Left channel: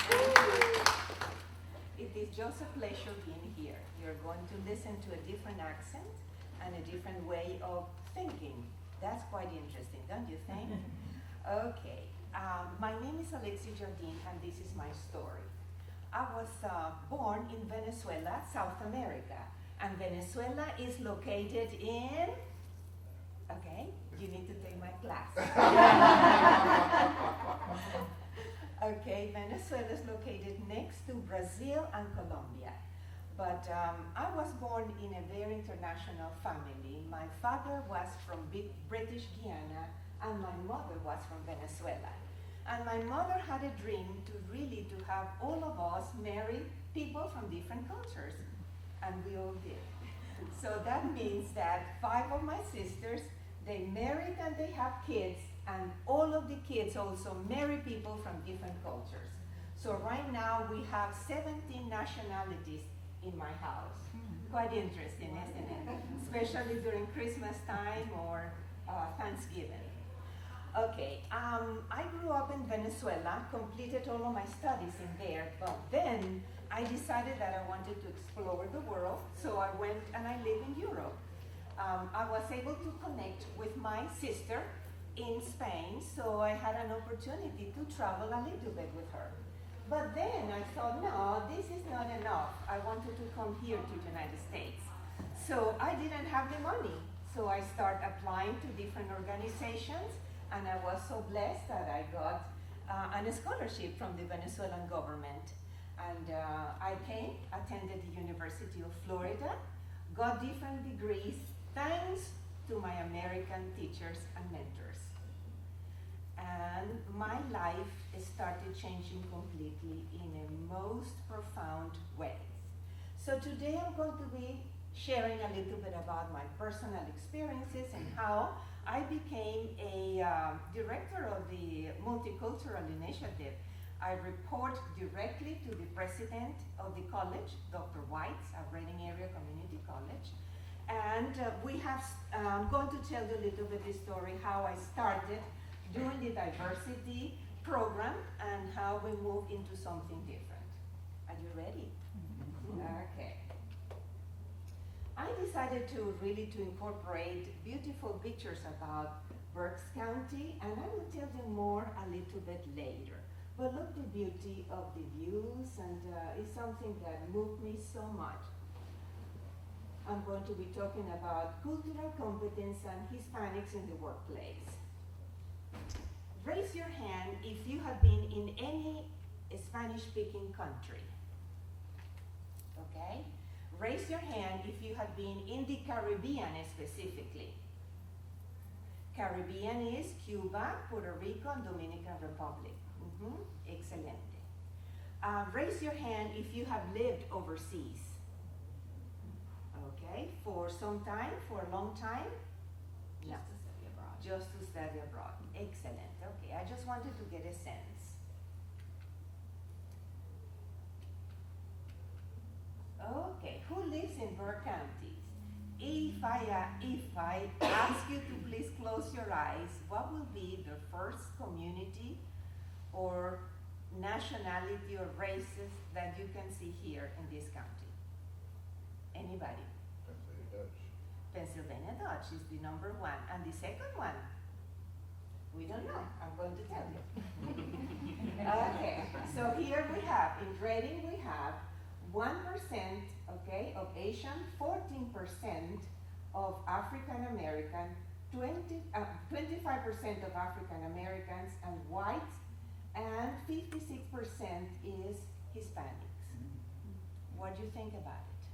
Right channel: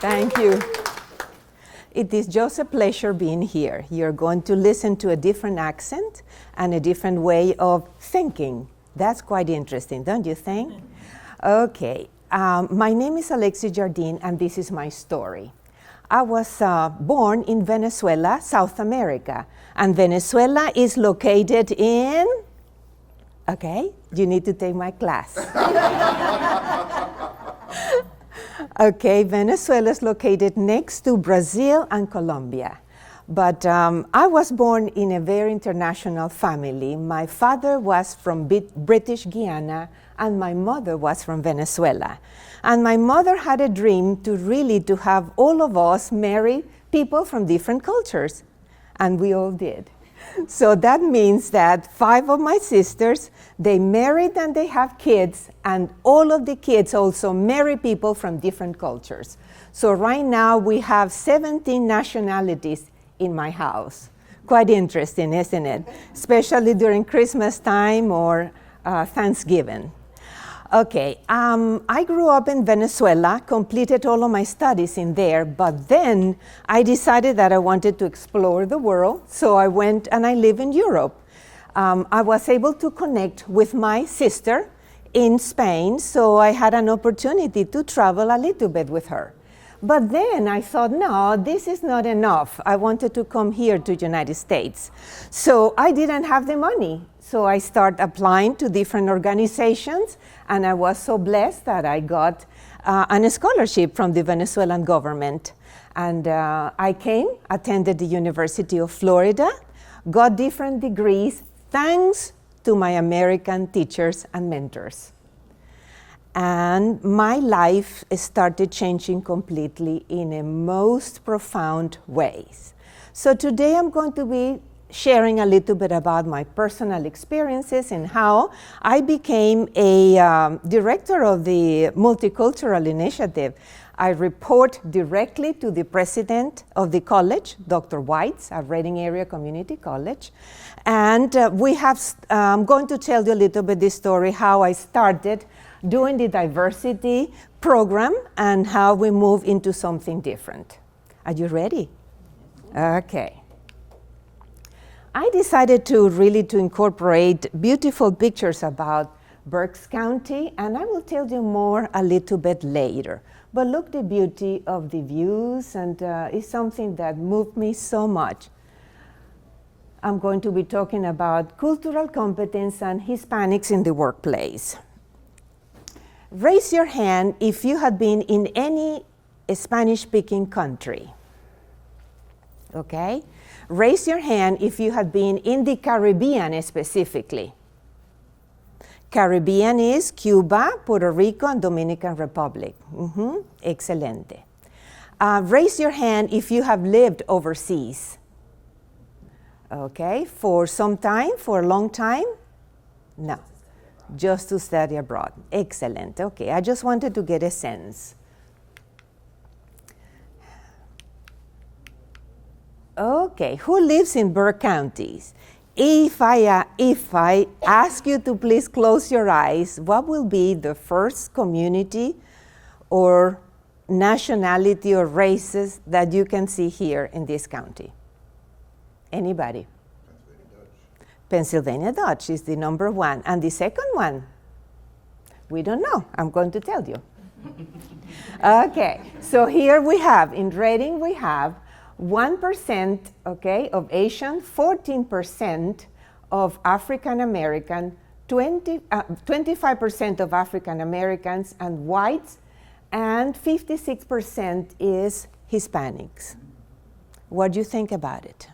Thank you. It is just a pleasure being here. You're going to listen to a different accent and a different way of thinking. That's quite interesting, don't you think? Okay. My name is Alexis Jardine, and this is my story. I was born in Venezuela, South America. And Venezuela is located in, okay, you need to take my class. Okay, Venezuela is located next to Brazil and Colombia. But I was born in a very international family. My father was from British Guiana, and my mother was from Venezuela. And my mother had a dream to have all of us marry people from different cultures. And we all did. So that means that 5 of my sisters, they married and they have kids, and all of the kids also marry people from different cultures. So right now we have 17 nationalities in my house. Quite interesting, isn't it? Especially during Christmas time or Thanksgiving. Okay, I grew up in Venezuela, completed all of my studies in there, but then I decided that I wanted to explore the world, so I went and I live in Europe. I was able to connect with my sister in Spain, so I had an opportunity to travel a little bit with her. But then I thought, no, this is not enough. I wanted to come here to the United States. So I didn't have the money. So I started applying to different organizations, and I was so blessed that I got a scholarship from the Venezuelan government. And I came, attended the University of Florida, got different degrees thanks to my American teachers and mentors. And my life started changing completely in a most profound ways. So today I'm going to be sharing a little bit about my personal experiences and how I became a director of the Multicultural Initiative. I report directly to the president of the college, Dr. White's, at Reading Area Community College. And I'm going to tell you a little bit this story, how I started doing the diversity program and how we move into something different. Are you ready? Okay. I decided to incorporate beautiful pictures about Berks County, and I will tell you more a little bit later. But look the beauty of the views, and it's something that moved me so much. I'm going to be talking about cultural competence and Hispanics in the workplace. Raise your hand if you have been in any Spanish-speaking country. Okay? Raise your hand if you have been in the Caribbean specifically. Caribbean is Cuba, Puerto Rico, and Dominican Republic. Excelente. Raise your hand if you have lived overseas. Okay, for some time, for a long time? No, just to study abroad. Excellent, okay, I just wanted to get a sense. Okay, who lives in Berks counties? If I ask you to please close your eyes, what will be the first community or nationality or races that you can see here in this county? Anybody? Pennsylvania Dutch is the number one. And the second one? We don't know. I'm going to tell you. Okay, so here we have, in Reading we have 1%, okay, of Asian, 14% of African American, 25% of African Americans and whites, and 56% is Hispanics. What do you think about it?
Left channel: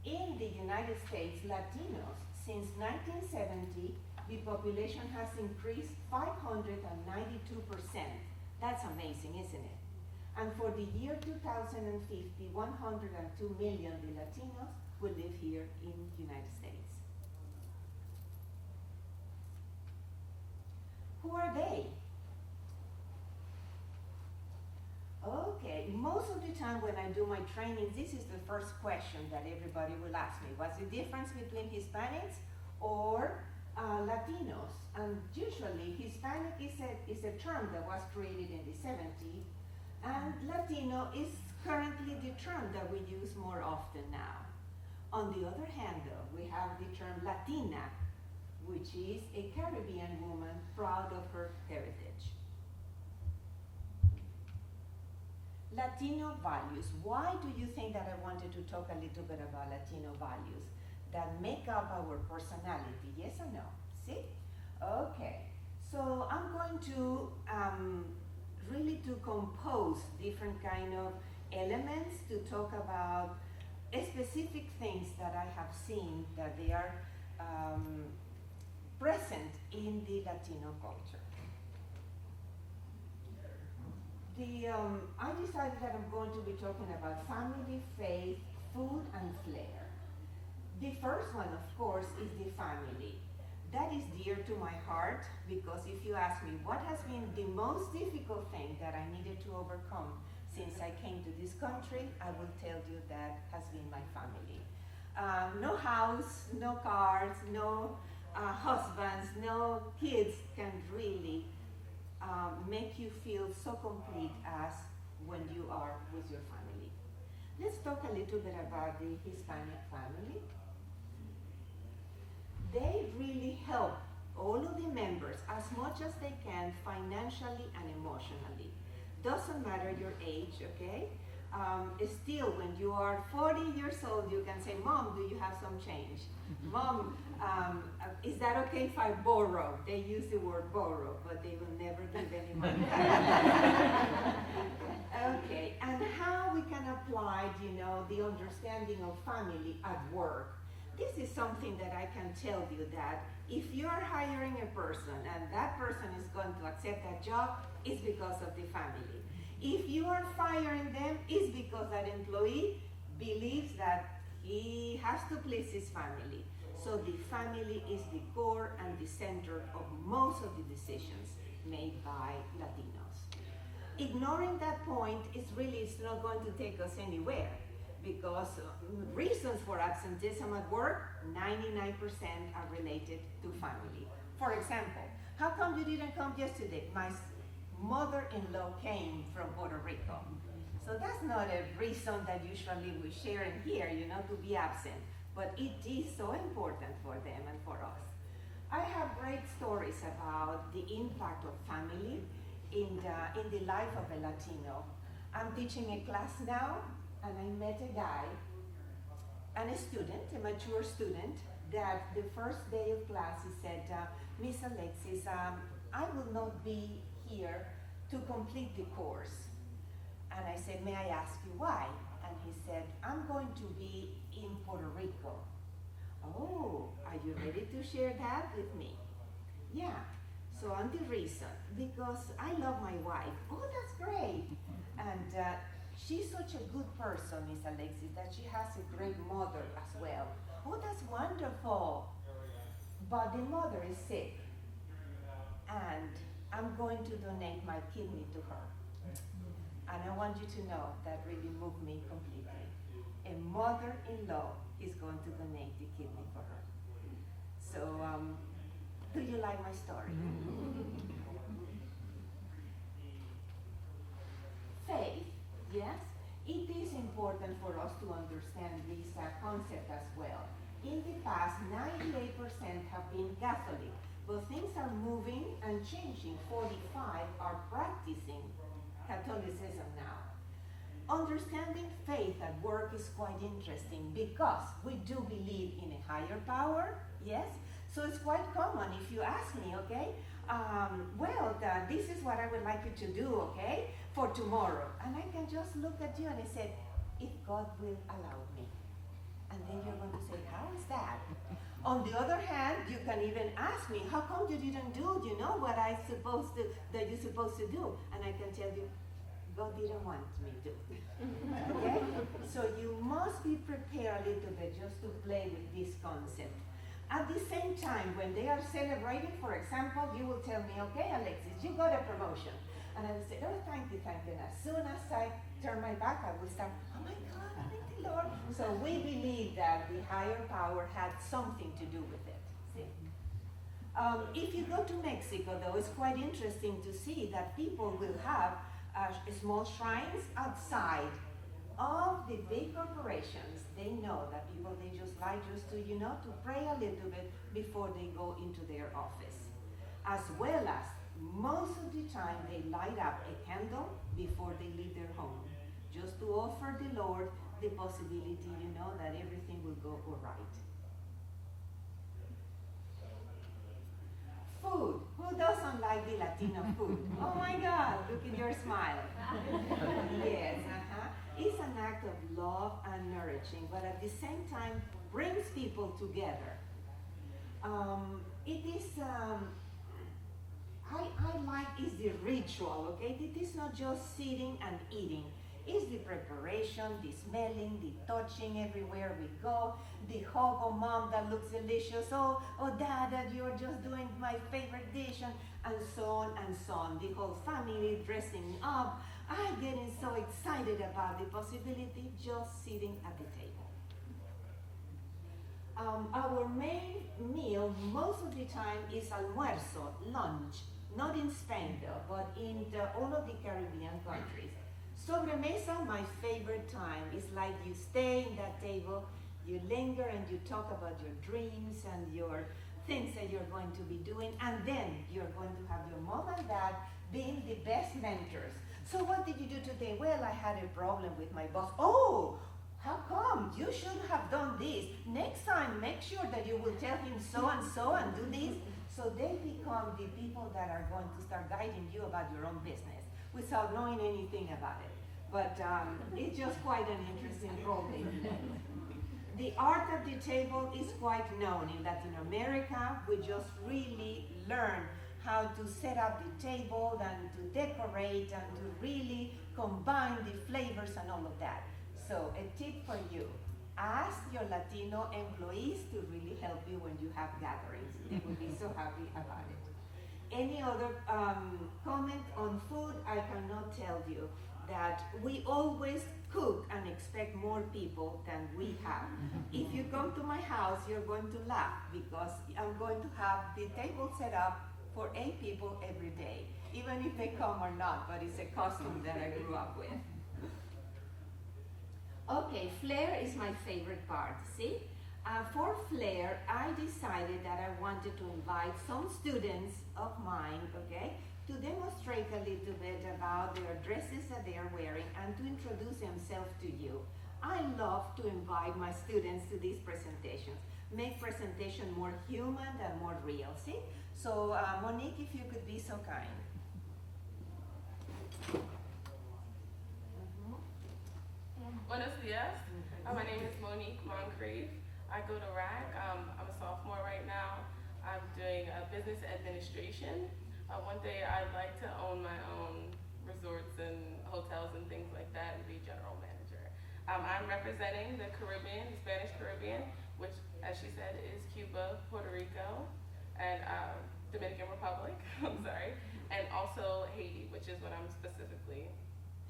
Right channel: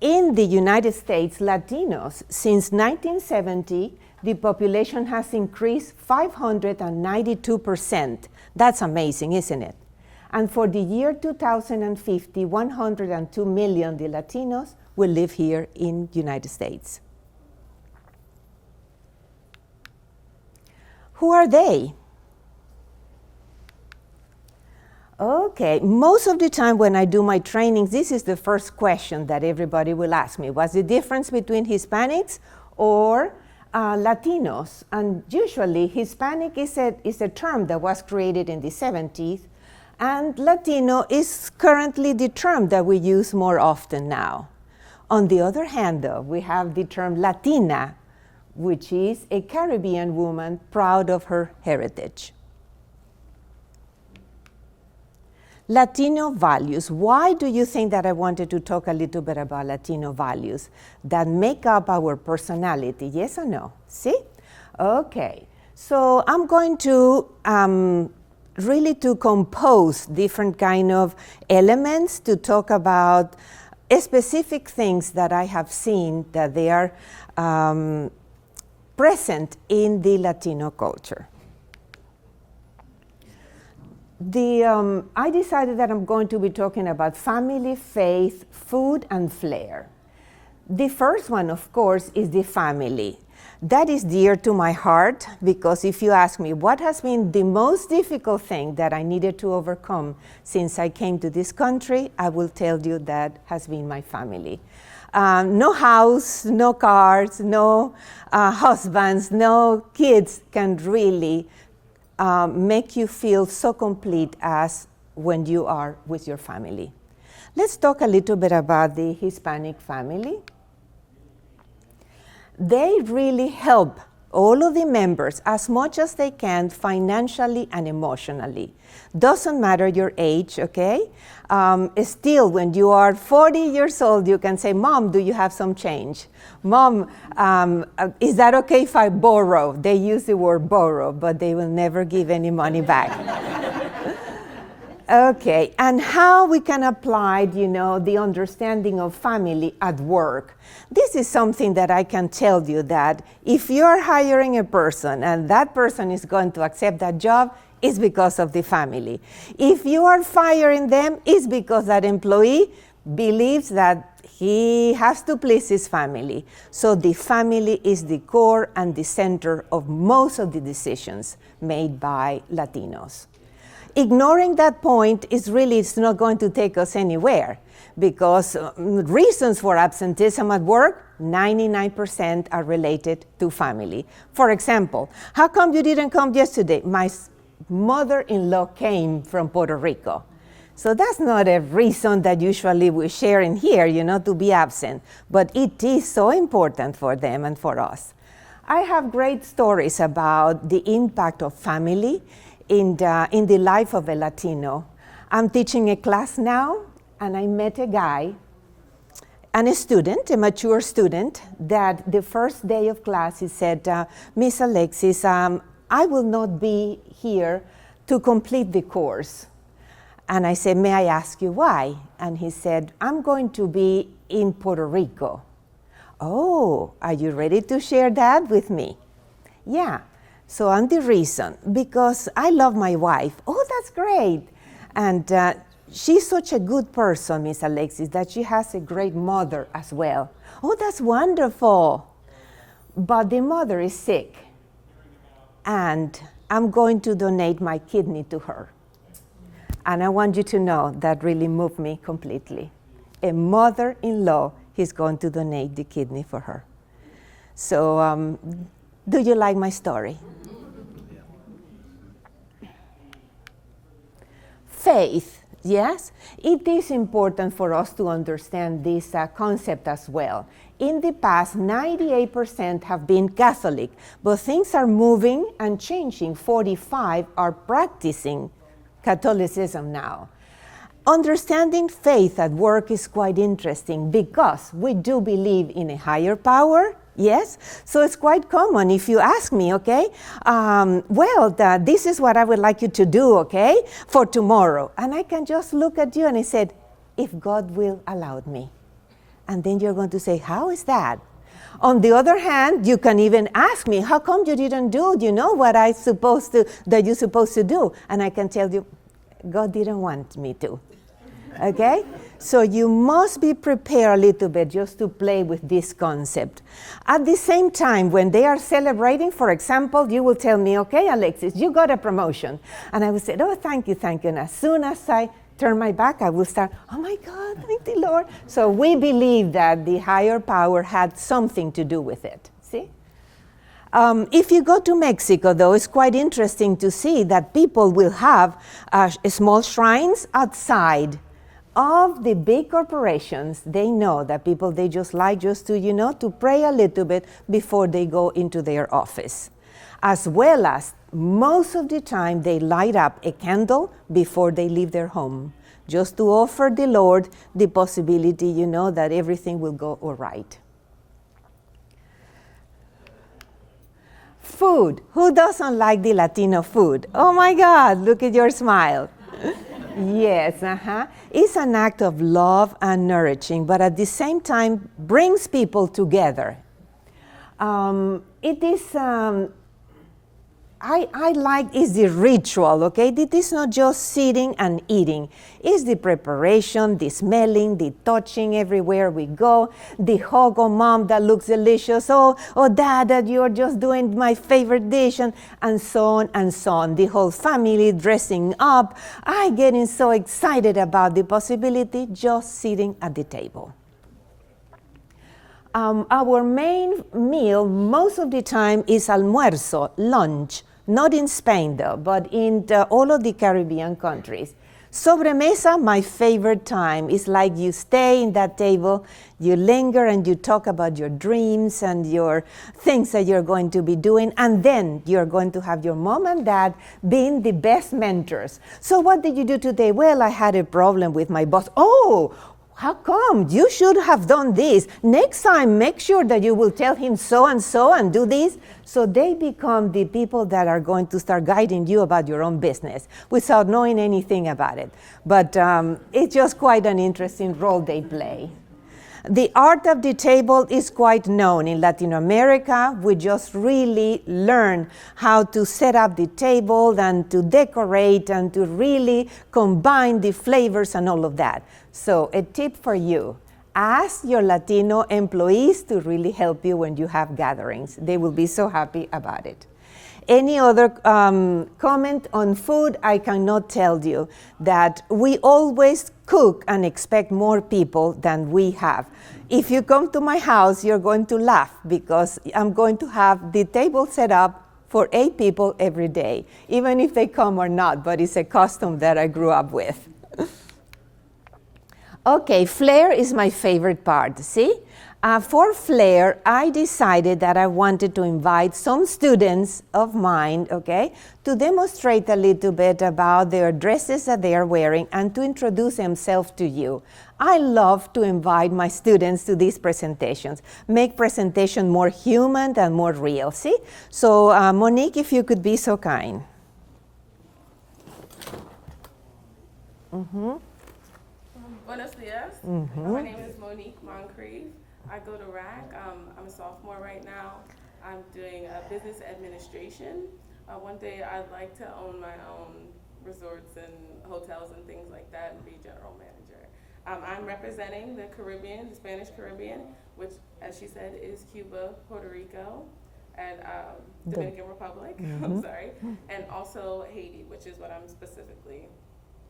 In the United States, Latinos, since 1970, the population has increased 592%. That's amazing, isn't it? And for the year 2050, 102 million the Latinos will live here in the United States. Who are they? Okay, most of the time when I do my trainings, this is the first question that everybody will ask me. What's the difference between Hispanics or Latinos, and usually Hispanic is a term that was created in the 70s, and Latino is currently the term that we use more often now. On the other hand, though, we have the term Latina, which is a Caribbean woman proud of her heritage. Latino values. Why do you think that I wanted to talk a little bit about Latino values that make up our personality? Yes or no? See? Okay. So I'm going to really to compose different kind of elements to talk about specific things that I have seen that they are present in the Latino culture. I decided that I'm going to be talking about family, faith, food, and flair. The first one, of course, is the family. That is dear to my heart because if you ask me what has been the most difficult thing that I needed to overcome since I came to this country, I will tell you that has been my family. No house, no cars, no husbands, no kids can really make you feel so complete as when you are with your family. Let's talk a little bit about the Hispanic family. They really help all of the members as much as they can financially and emotionally. Doesn't matter your age, okay? Still, when you are 40 years old, you can say, Mom, do you have some change? Mom, is that okay if I borrow? They use the word borrow, but they will never give any money back. Okay, and how we can apply, the understanding of family at work. This is something that I can tell you that if you're hiring a person and that person is going to accept that job, it's because of the family. If you are firing them, it's because that employee believes that he has to please his family. So the family is the core and the center of most of the decisions made by Latinos. Ignoring that point is really, it's not going to take us anywhere because reasons for absenteeism at work, 99% are related to family. For example, how come you didn't come yesterday? My mother-in-law came from Puerto Rico. So that's not a reason that usually we share in here, to be absent, but it is so important for them and for us. I have great stories about the impact of family in the life of a Latino. I'm teaching a class now, and I met a guy and a student, a mature student, that the first day of class he said, Miss Alexis, I will not be here to complete the course. And I said, may I ask you why? And he said, I'm going to be in Puerto Rico. Oh, are you ready to share that with me? Yeah. So and the reason, because I love my wife. Oh, that's great. And she's such a good person, Miss Alexis, that she has a great mother as well. Oh, that's wonderful. But the mother is sick. And I'm going to donate my kidney to her. And I want you to know that really moved me completely. A mother-in-law is going to donate the kidney for her. So do you like my story? Faith, yes? It is important for us to understand this concept as well. In the past, 98% have been Catholic, but things are moving and changing. 45% are practicing Catholicism now. Understanding faith at work is quite interesting because we do believe in a higher power, yes? So it's quite common if you ask me, okay, this is what I would like you to do, okay, for tomorrow. And I can just look at you and I said, if God will allow me. And then you're going to say, how is that? On the other hand, you can even ask me, how come you didn't do, what that you're supposed to do? And I can tell you, God didn't want me to, okay? So you must be prepared a little bit just to play with this concept. At the same time, when they are celebrating, for example, you will tell me, okay, Alexis, you got a promotion. And I will say, oh, thank you. And as soon as I turn my back, I will start, oh my God, thank the Lord. So we believe that the higher power had something to do with it, see? If you go to Mexico, though, it's quite interesting to see that people will have small shrines outside of the big corporations. They know that people, they just like just to, to pray a little bit before they go into their office. As well as most of the time they light up a candle before they leave their home, just to offer the Lord the possibility, that everything will go all right. Food. Who doesn't like the Latino food? Oh my God, look at your smile. Yes, It's an act of love and nourishing, but at the same time brings people together. It is, I like is the ritual, okay? It is not just sitting and eating. It's the preparation, the smelling, the touching everywhere we go, the hug of mom that looks delicious, oh dad, that you're just doing my favorite dish, and so on and so on. The whole family dressing up. I'm getting so excited about the possibility just sitting at the table. Our main meal most of the time is almuerzo, lunch, not in Spain though, but in all of the Caribbean countries. Sobremesa, my favorite time. It's like you stay in that table, you linger and you talk about your dreams and your things that you're going to be doing, and then you're going to have your mom and dad being the best mentors. So what did you do today? Well, I had a problem with my boss. Oh, how come? You should have done this. Next time, make sure that you will tell him so and do this. So they become the people that are going to start guiding you about your own business without knowing anything about it. But it's just quite an interesting role they play. The art of the table is quite known in Latin America. We just really learn how to set up the table and to decorate and to really combine the flavors and all of that. So a tip for you, ask your Latino employees to really help you when you have gatherings. They will be so happy about it. Any other comment on food? I cannot tell you that we always cook and expect more people than we have. If you come to my house, you're going to laugh because I'm going to have the table set up for 8 people every day, even if they come or not, but it's a custom that I grew up with. Okay, flair is my favorite part, see? For flair, I decided that I wanted to invite some students of mine, okay, to demonstrate a little bit about their dresses that they are wearing and to introduce themselves to you. I love to invite my students to these presentations, make presentation more human and more real, see? So Monique, if you could be so kind. Buenos dias. My name is Monique Moncrief. I go to RAC. I'm a sophomore right now. I'm doing business administration. One day I'd like to own my own resorts and hotels and things like that and be general manager. I'm representing the Caribbean, the Spanish Caribbean, which, as she said, is Cuba, Puerto Rico, and Dominican Republic, I'm sorry, and also Haiti, which is what I'm specifically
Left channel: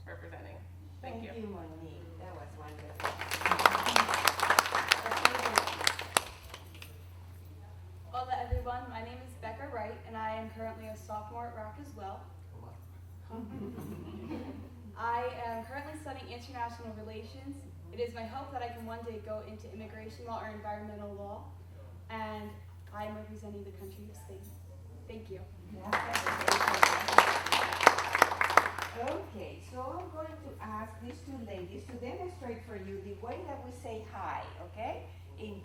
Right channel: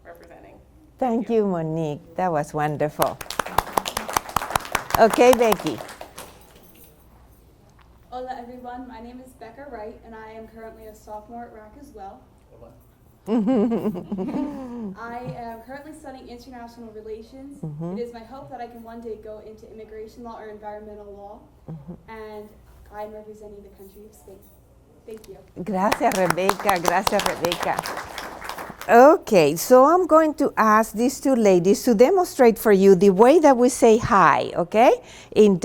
representing. Thank you, Monique. That was wonderful. Okay, Becky. Hola, everyone. My name is Becca Wright, and I am currently a sophomore at RAC as well. I am currently studying international relations. It is my hope that I can one day go into immigration law or environmental law, and I am representing the country of Spain. Thank you. Gracias, Rebecca. Gracias, Rebecca. Okay, so I'm going to ask these 2 ladies to demonstrate for you the way that we say hi, okay, in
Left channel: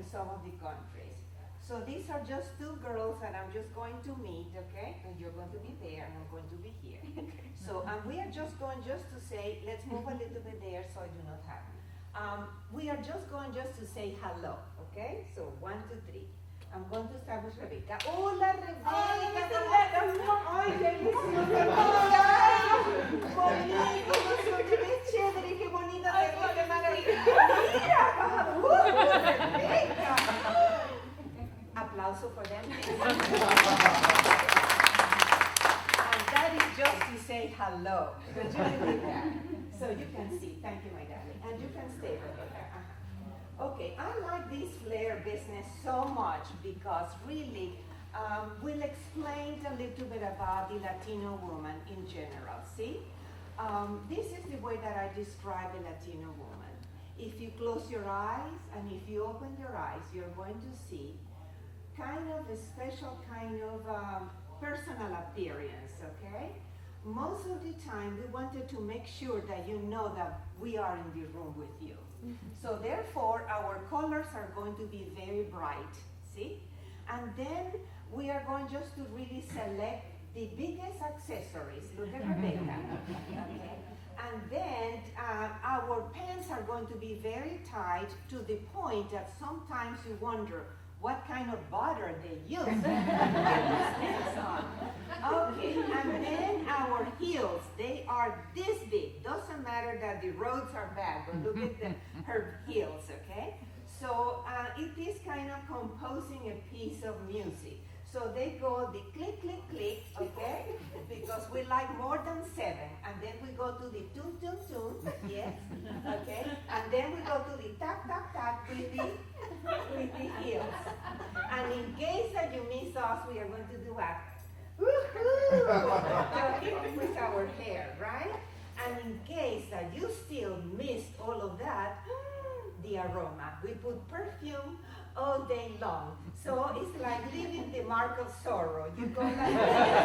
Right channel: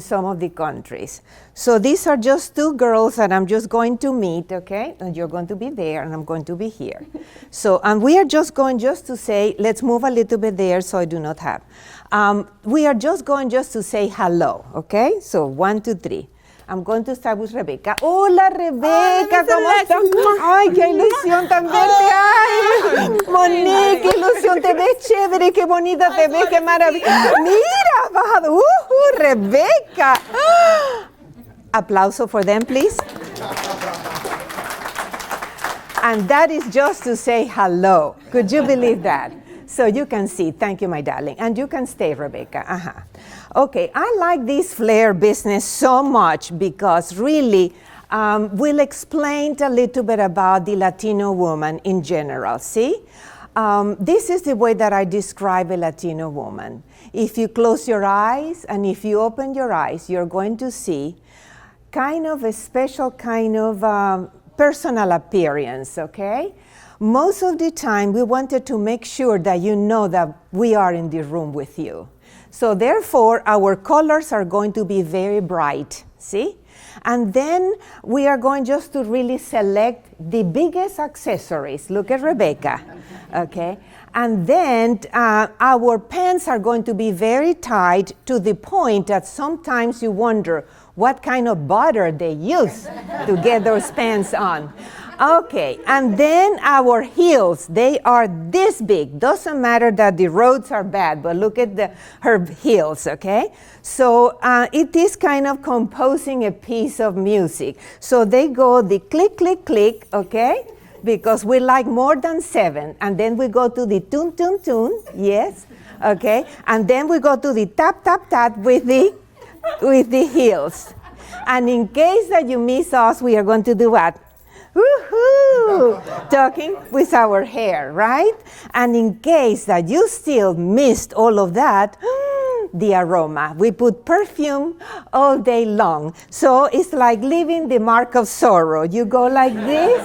some of the countries. So these are just 2 girls that I'm just going to meet, okay, and you're going to be there and I'm going to be here. So, and we are just going just to say, let's move a little bit there so I do not have. We are just going just to say hello, okay? So 1, 2, 3. I'm going to start with Rebecca. Hola, Rebecca, ¿cómo estás? Ay, qué ilusión tan verte. Ay, Monique, qué ilusión, te ves chévere, qué bonita te ves, qué maravilla. Mira, Rebecca. Aplauso for them, please. And that is just to say hello. Could you believe that? So you can see. Thank you, my darling. And you can stay, Rebecca. Okay, I like this flair business so much because really we'll explain a little bit about the Latino woman in general, see? This is the way that I describe a Latino woman. If you close your eyes and if you open your eyes, you're going to see kind of a special kind of personal appearance, okay? Most of the time, we wanted to make sure that you know that we are in the room with you. So therefore, our colors are going to be very bright, see? And then we are going just to really select the biggest accessories. Look at Rebecca, okay? And then our pants are going to be very tight to the point that sometimes you wonder what kind of butter they use to get those pants on. Okay, and then our heels, they are this big. Doesn't matter that the roads are bad, but look at her heels, okay? So it is kind of composing a piece of music. So they go the click, click, click, okay? Because we like more than 7. And then we go to the tune, tune, tune, yes, okay? And then we go to the tap, tap, tap with the heels. And in case that you miss us, we are going to do what? Woohoo! Talking with our hair, right? And in case that you still missed all of that, the aroma. We put perfume all day long. So it's like leaving the mark of sorrow. You go like this,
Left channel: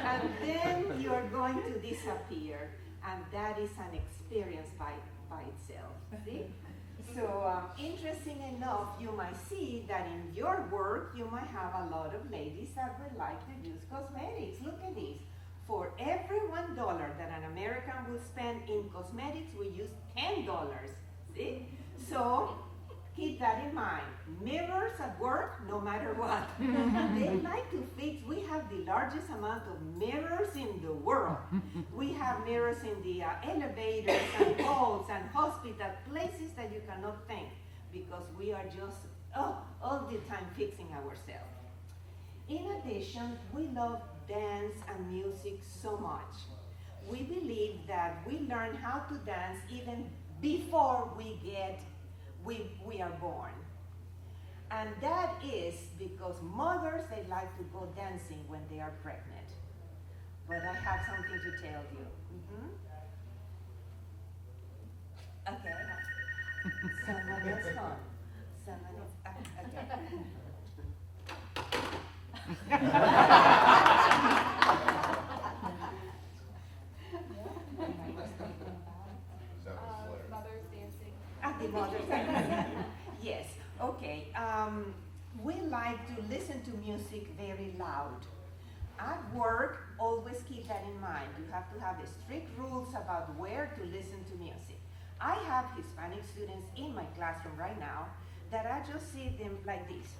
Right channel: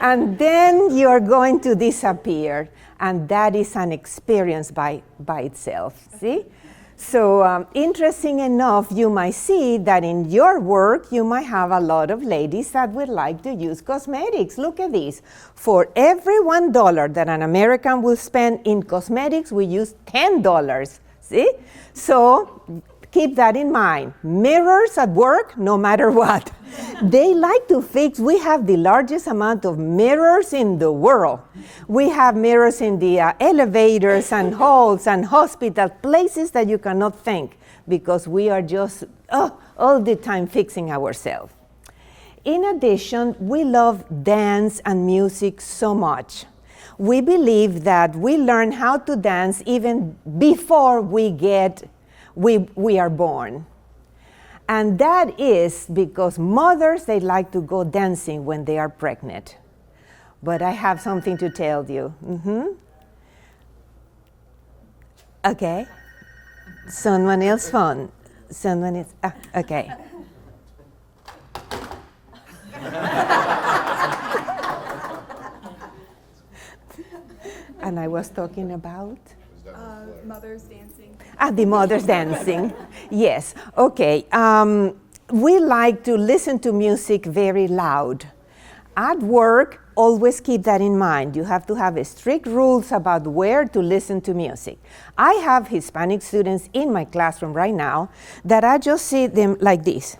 and then you're going to disappear. And that is an experience by itself, see? So interesting enough, you might see that in your work, you might have a lot of ladies that would like to use cosmetics. Look at this. For every $1 that an American will spend in cosmetics, we use $10, see? So keep that in mind. Mirrors at work, no matter what. They like to fix. We have the largest amount of mirrors in the world. We have mirrors in the elevators and halls and hospitals, places that you cannot think, because we are just all the time fixing ourselves. In addition, we love dance and music so much. We believe that we learn how to dance even before we are born. And that is because mothers, they like to go dancing when they are pregnant. But I have something to tell you. Okay. Someone else phone. Someone else. Okay. And I was talking about? Mothers dancing. The mothers dancing. Yes. Okay. We like to listen to music very loud. At work, always keep that in mind. You have to have strict rules about where to listen to music. I have Hispanic students in my classroom right now that I just see them like this.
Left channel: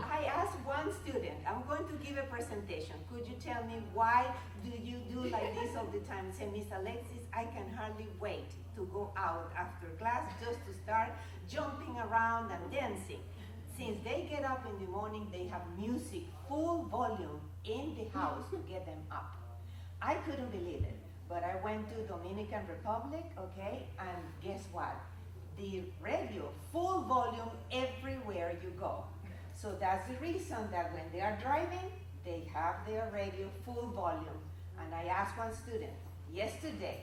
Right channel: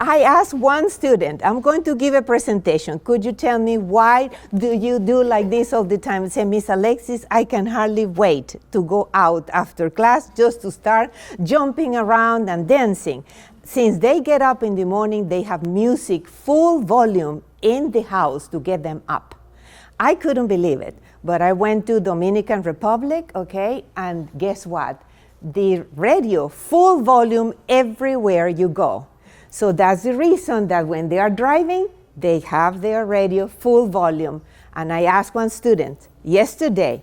I asked one student, I'm going to give a presentation. Could you tell me why do you do like this all the time? Say, Miss Alexis, I can hardly wait to go out after class just to start jumping around and dancing. Since they get up in the morning, they have music full volume in the house to get them up. I couldn't believe it, but I went to Dominican Republic, okay, and guess what? The radio, full volume everywhere you go. So that's the reason that when they are driving, they have their radio full volume. And I asked one student yesterday,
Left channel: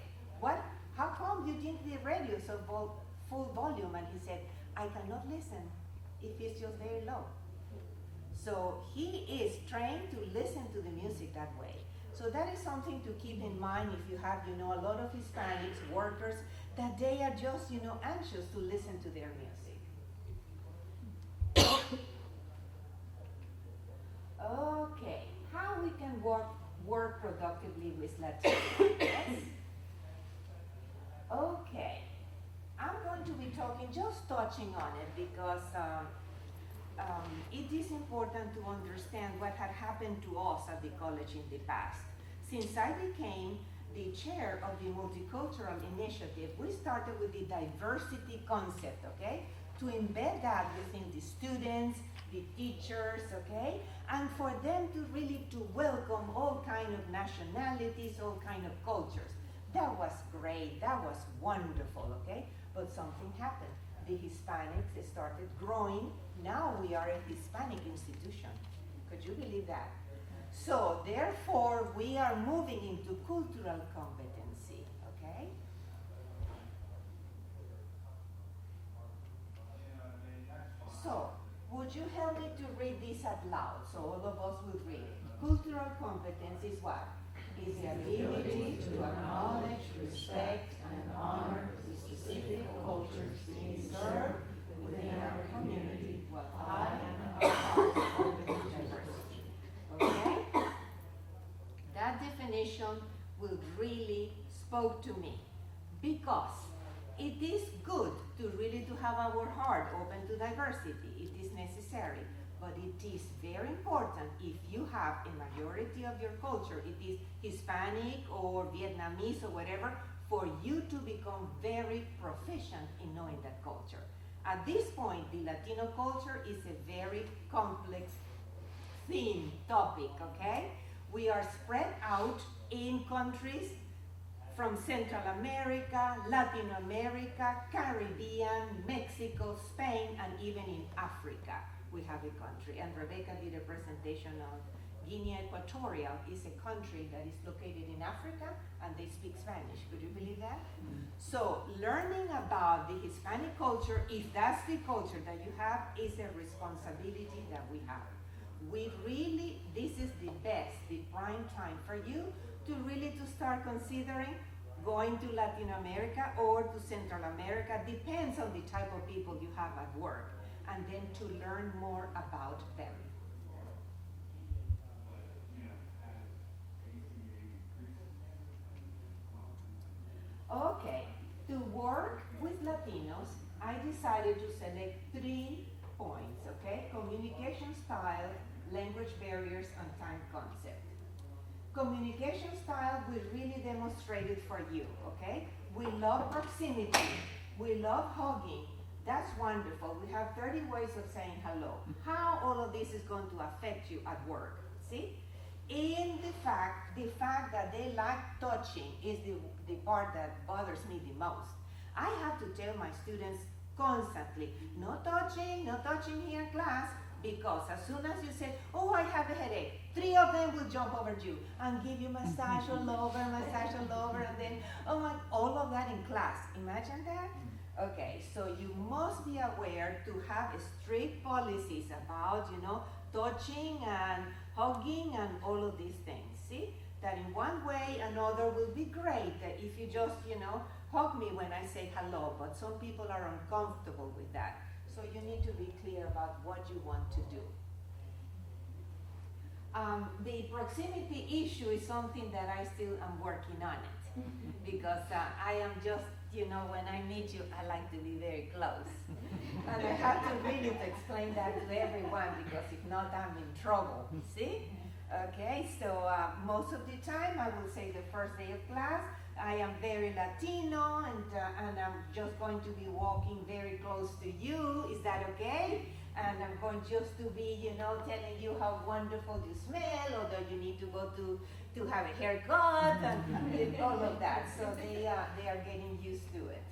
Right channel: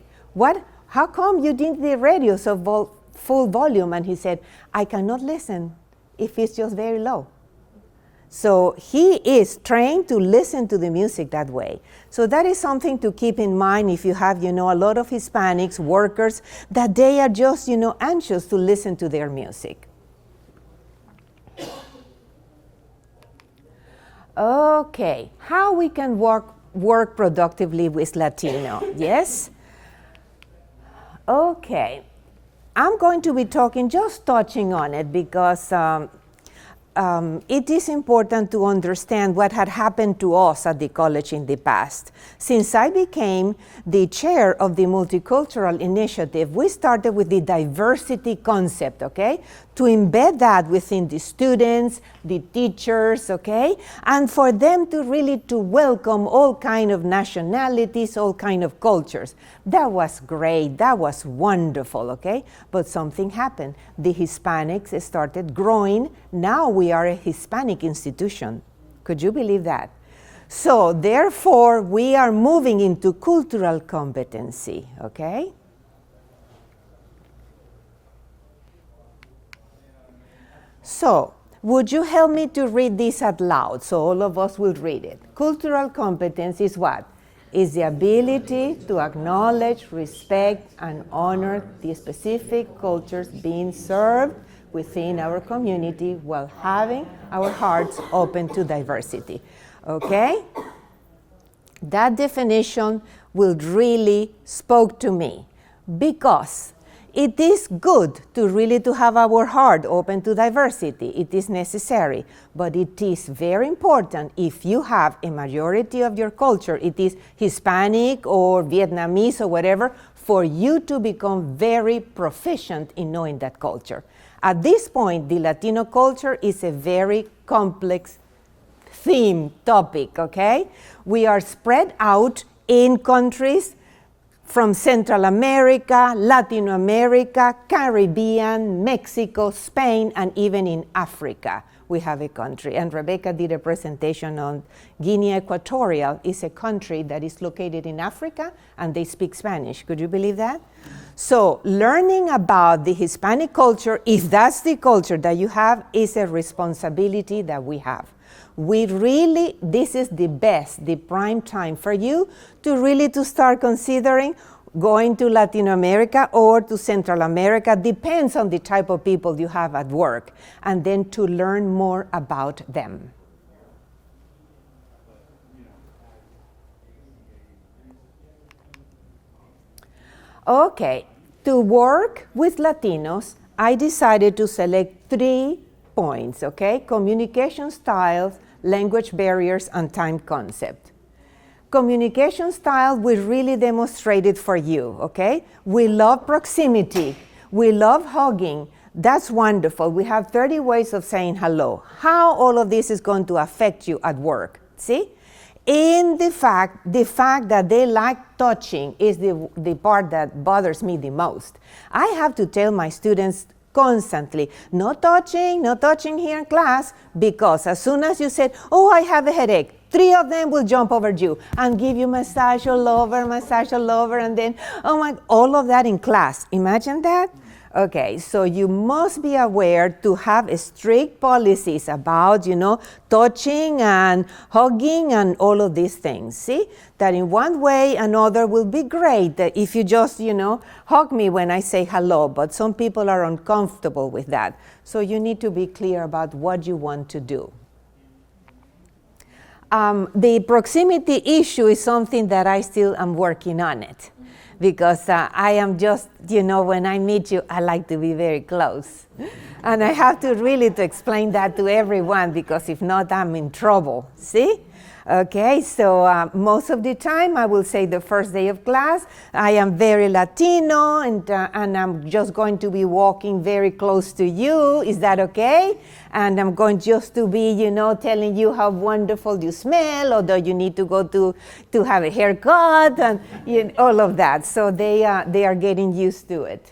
how come you did the radio so full volume? And he said, I cannot listen if it's just very low. So he is trained to listen to the music that way. So that is something to keep in mind if you have, a lot of Hispanics, workers, that they are just, anxious to listen to their music. Okay, how we can work productively with Latino, yes? Okay, I'm going to be just touching on it because it is important to understand what had happened to us at the college in the past. Since I became the chair of the Multicultural Initiative, we started with the diversity concept, okay? to embed that within the students, the teachers, okay? And for them to really to welcome all kind of nationalities, all kind of cultures. That was great, that was wonderful, okay? But something happened. The Hispanics started growing. Now we are a Hispanic institution. Could you believe that? So therefore, we are moving into cultural competency, okay? So, would you help me to read this out loud so all of us will read it? Cultural competence is what? Is the ability to acknowledge, respect, and honor the specific cultures being served within our community while having our hearts open to diversity. Okay? That definition will really spoke to me because it is good to really to have our heart open to diversity. It is necessary, but it is very important if you have a majority of your culture, it is Hispanic or Vietnamese or whatever, for you to become very proficient in knowing that culture. At this point, the Latino culture is a very complex theme, topic, okay? We are spread out in countries from Central America, Latin America, Caribbean, Mexico, Spain, and even in Africa, we have a country. And Rebecca did a presentation on Guinea Equatorial. It's a country that is located in Africa, and they speak Spanish. Could you believe that? So learning about the Hispanic culture, if that's the culture that you have, is a responsibility that we have. We really, this is the best, the prime time for you to really to start considering going to Latin America or to Central America, depends on the type of people you have at work, and then to learn more about them. Okay, to work with Latinos, I decided to select 3 points, okay? Communication styles, language barriers, and time concept. Communication style, we really demonstrated for you, okay? We love proximity. We love hugging. That's wonderful. We have 30 ways of saying hello. How all of this is going to affect you at work, see? In the fact that they like touching is the part that bothers me the most. I have to tell my students constantly, no touching here in class, because as soon as you said, oh, I have a headache, 3 of them will jump over you and give you massage all over, and then, oh my, all of that in class. Imagine that? Okay, so you must be aware to have strict policies about, touching and hugging and all of these things. See? That in one way or another will be great that if you just, hug me when I say hello, but some people are uncomfortable with that. So you need to be clear about what you want to do. The proximity issue is something that I still am working on it. Because I am just, when I meet you, I like to be very close. And I have to really to explain that to everyone, because if not, I'm in trouble, see? Okay, so most of the time, I will say the first day of class, I am very Latino, and I'm just going to be walking very close to you. Is that okay? And I'm going just to be, telling you how wonderful you smell, or that you need to go to have a haircut, and all of that. So they are getting used to it.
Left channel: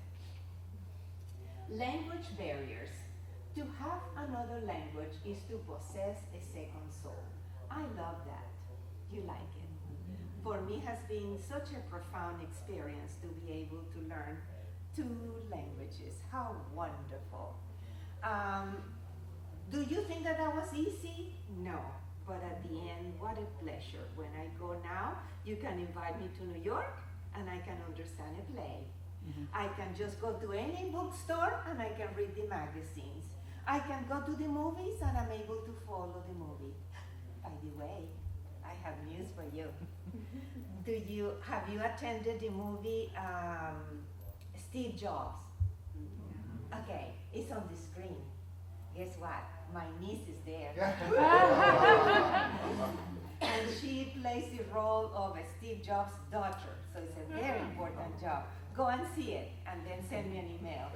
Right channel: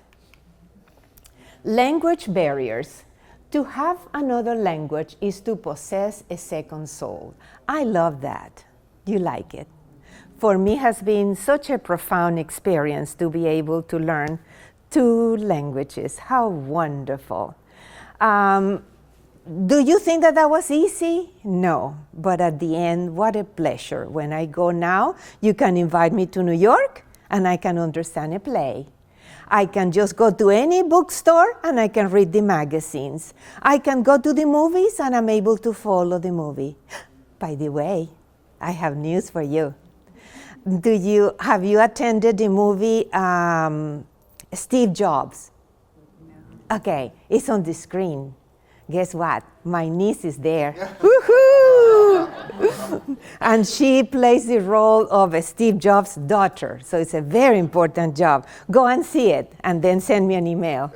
Language barriers. To have another language is to possess a second soul. I love that. You like it. For me, has been such a profound experience to be able to learn 2 languages. How wonderful. Do you think that was easy? No, but at the end, what a pleasure. When I go now, you can invite me to New York, and I can understand a play. I can just go to any bookstore, and I can read the magazines. I can go to the movies, and I'm able to follow the movie. By the way, I have news for you. Have you attended the movie Steve Jobs? Okay, it's on the screen. Guess what? My niece is there. Woohoo! And she plays the role of Steve Jobs' daughter. So it's a very important job. Go and see it, and then send me an email.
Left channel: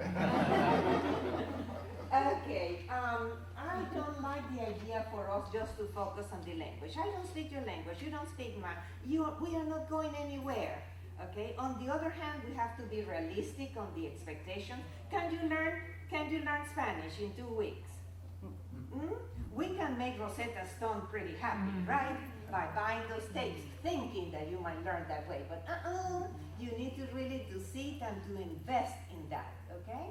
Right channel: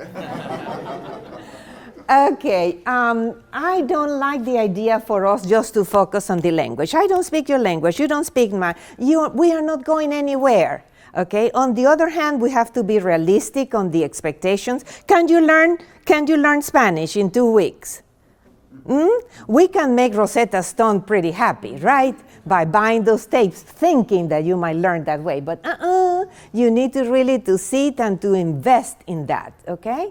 Okay, I don't like the idea for us just to focus on the language. I don't speak your language, you don't speak mine. We are not going anywhere, okay? On the other hand, we have to be realistic on the expectations. Can you learn Spanish in 2 weeks? We can make Rosetta Stone pretty happy, right? By buying those tapes, thinking that you might learn that way. But you need to really to sit and to invest in that, okay?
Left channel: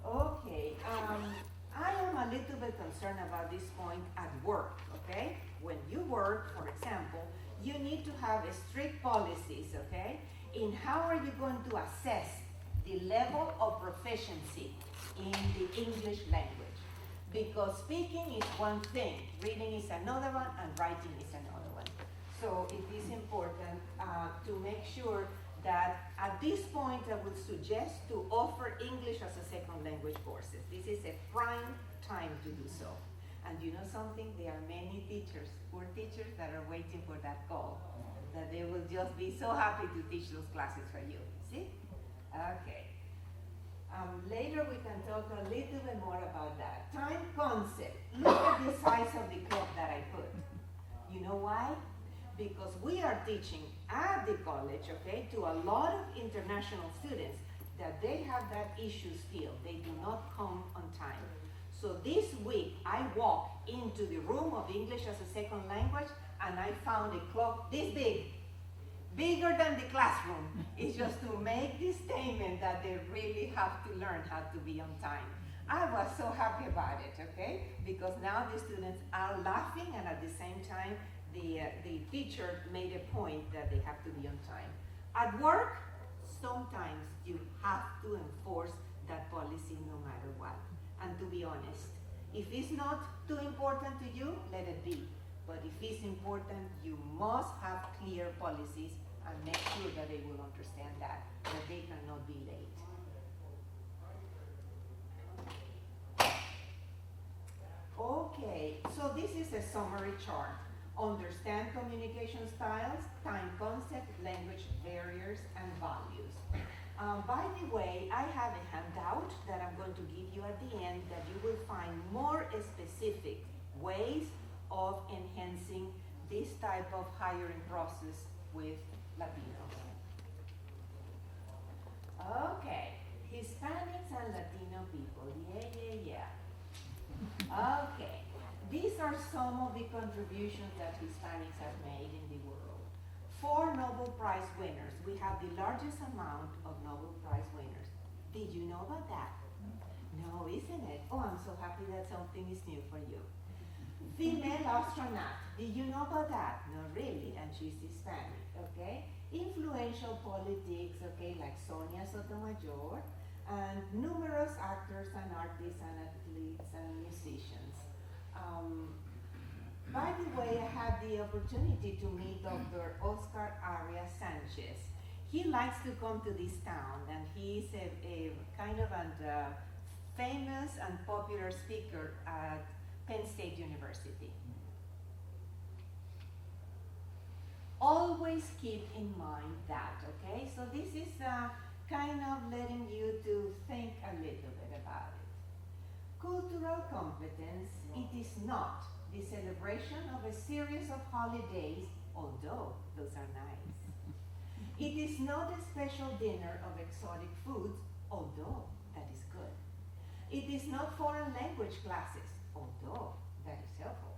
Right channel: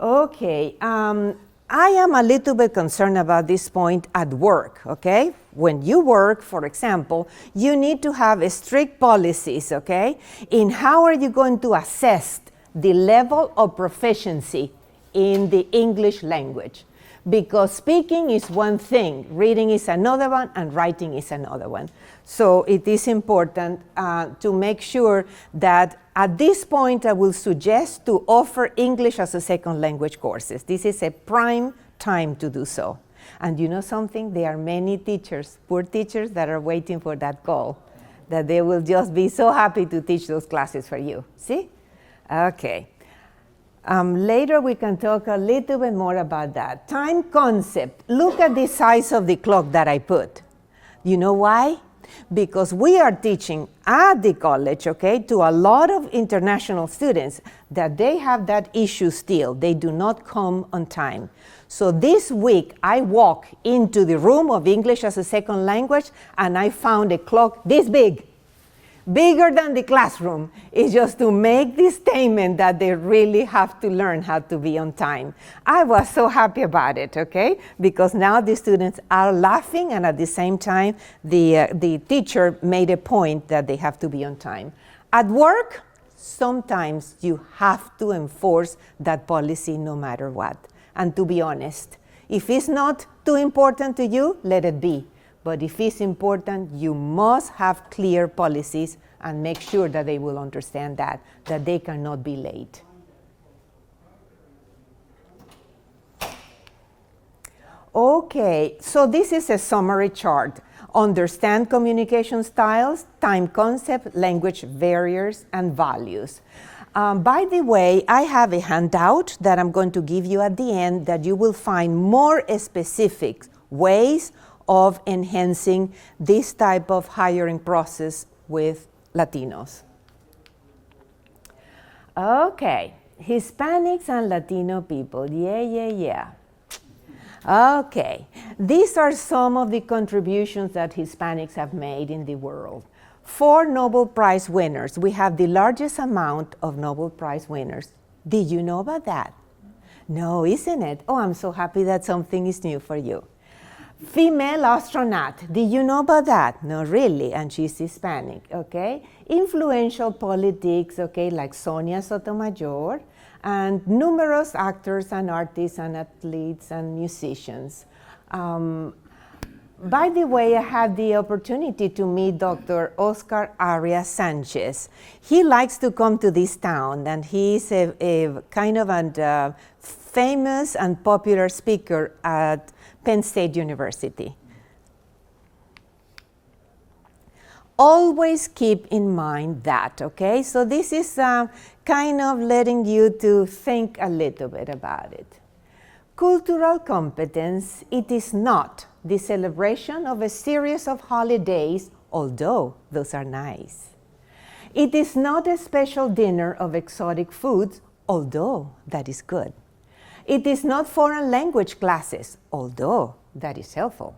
Okay, I am a little bit concerned about this point at work, okay? When you work, for example, you need to have strict policies, okay? In how are you going to assess the level of proficiency in the English language? Because speaking is one thing, reading is another one, and writing is another one. So it is important to make sure that at this point I will suggest to offer English as a second language courses. This is a prime time to do so. And you know something? There are many teachers, poor teachers, that are waiting for that call, that they will just be so happy to teach those classes for you. See? Okay. Later we can talk a little bit more about that. Time concept. Look at the size of the clock that I put. You know why? Because we are teaching at the college, okay, to a lot of international students that they have that issue still. They do not come on time. So this week I walked into the room of English as a second language and I found a clock this big. Bigger than the classroom. Is just to make this statement that they really have to learn how to be on time. I was so happy about it, okay? Because now the students are laughing and at the same time the teacher made a point that they have to be on time. At work, sometimes you have to enforce that policy no matter what. And to be honest, if it's not too important to you, let it be. But if it's important, you must have clear policies and make sure that they will understand that they cannot be late. Okay, so this is a summary chart. Understand communication styles, time concept, language barriers, and values. By the way, I have a handout that I'm going to give you at the end that you will find more specific ways of enhancing this type of hiring process with Latinos. Okay, Hispanics and Latino people, yeah. Okay, these are some of the contributions that Hispanics have made in the world. 4 Nobel Prize winners. We have the largest amount of Nobel Prize winners. Did you know about that? No, isn't it? Oh, I'm so happy that something is new for you. Female astronaut, did you know about that? No, really, and she's Hispanic, okay? Influential politics, okay, like Sonia Sotomayor, and numerous actors and artists and athletes and musicians. By the way, I had the opportunity to meet Dr. Oscar Arias Sanchez. He likes to come to this town, and he's a kind of a famous and popular speaker at Penn State University. Always keep in mind that, okay? So this is kind of letting you to think a little bit about it. Cultural competence, it is not the celebration of a series of holidays, although those are nice. It is not a special dinner of exotic foods, although that is good. It is not foreign language classes, although that is helpful.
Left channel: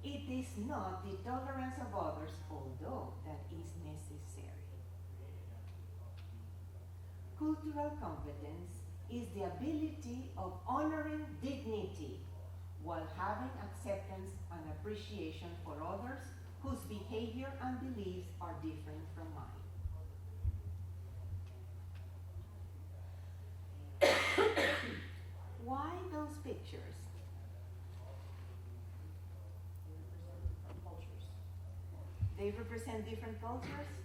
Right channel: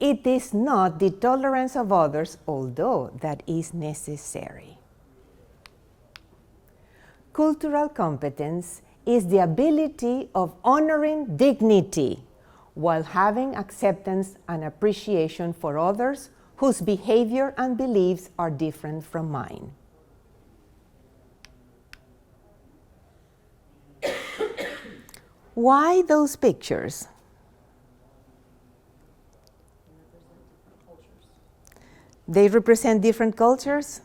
It is not the tolerance of others, although that is necessary. Cultural competence is the ability of honoring dignity while having acceptance and appreciation for others whose behavior and beliefs are different from mine. Why those pictures? They represent different cultures?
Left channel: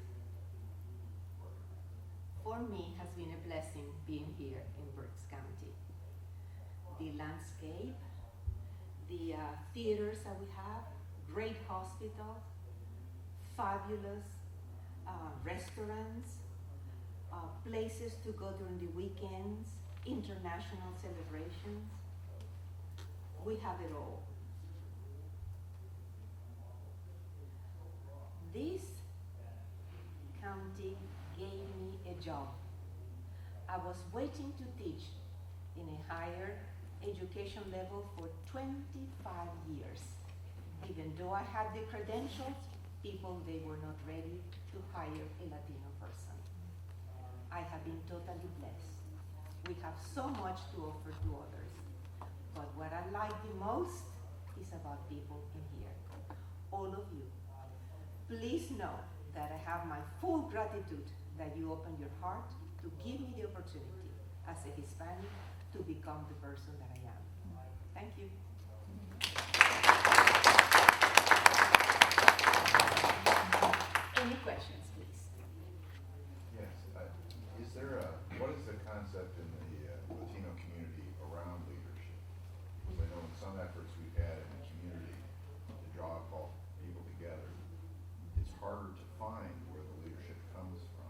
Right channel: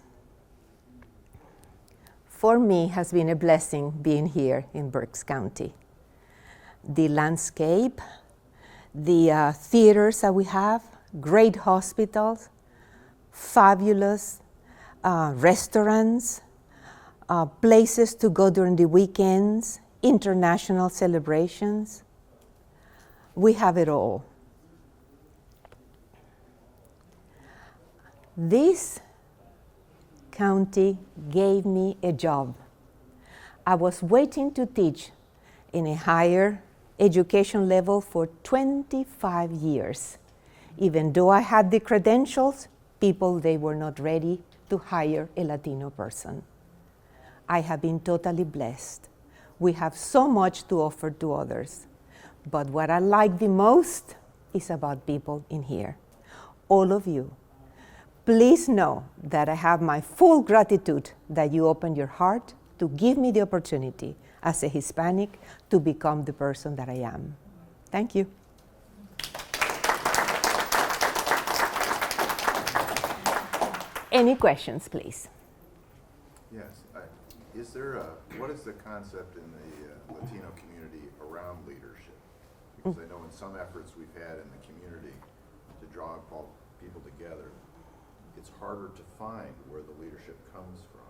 For me, it has been a blessing being here in Berks County. The landscape, the theaters that we have, great hospitals, fabulous restaurants, places to go during the weekends, international celebrations, We have it all. This county gave me a job. I was waiting to teach in a higher education level for 25 years. Even though I had the credentials, people, they were not ready to hire a Latino person. I have been totally blessed. We have so much to offer to others. But what I like the most is about people in here. All of you. Please know that I have my full gratitude that you opened your heart to give me the opportunity as a Hispanic to become the person that I am. Thank you. Any questions, please? Yes. What is the concept in the Latino community around leadership? Because I know in some efforts we've had in the community to draw all people together, it's harder to find where the leadership comes from.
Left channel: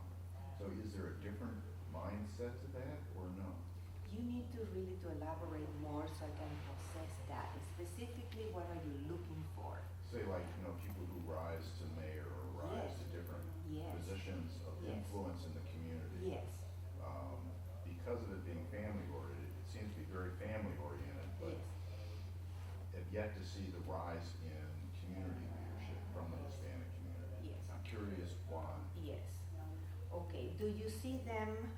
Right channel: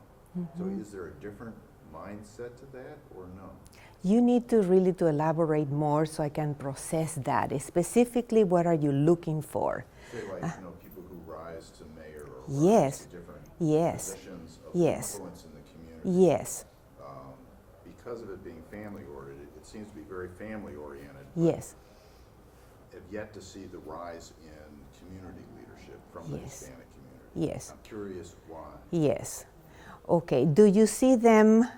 So is there a different mindset to that or no? You need to really to elaborate more so I can process that. Specifically, what are you looking for? Say like, people who rise to mayor or Yes. rise to different Yes. positions of Yes. influence in the community. Yes. Because of it being family-oriented, it seems to be very family-oriented. Yes. Have yet to see the rise in community leadership from the Yes. Hispanic community. Yes. I'm curious why. Yes. Okay. Do you see them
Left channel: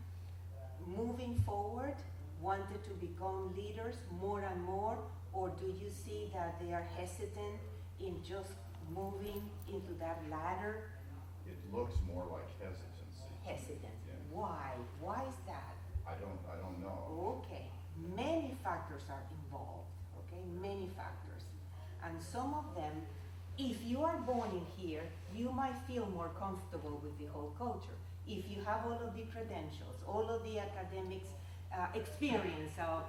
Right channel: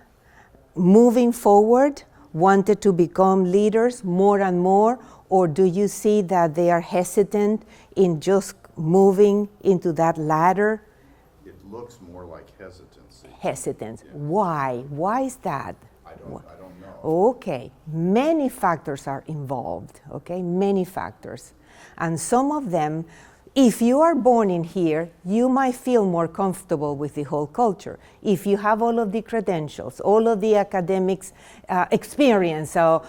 moving forward, wanted to become leaders more and more, or do you see that they are hesitant in just moving into that ladder? It looks more like hesitancy. Hesitant. Yeah. Why? Why is that? I don't know. Okay, many factors are involved, okay, many factors. And some of them, if you are born in here, you might feel more comfortable with the whole culture. If you have all of the credentials, all of the academics experience, so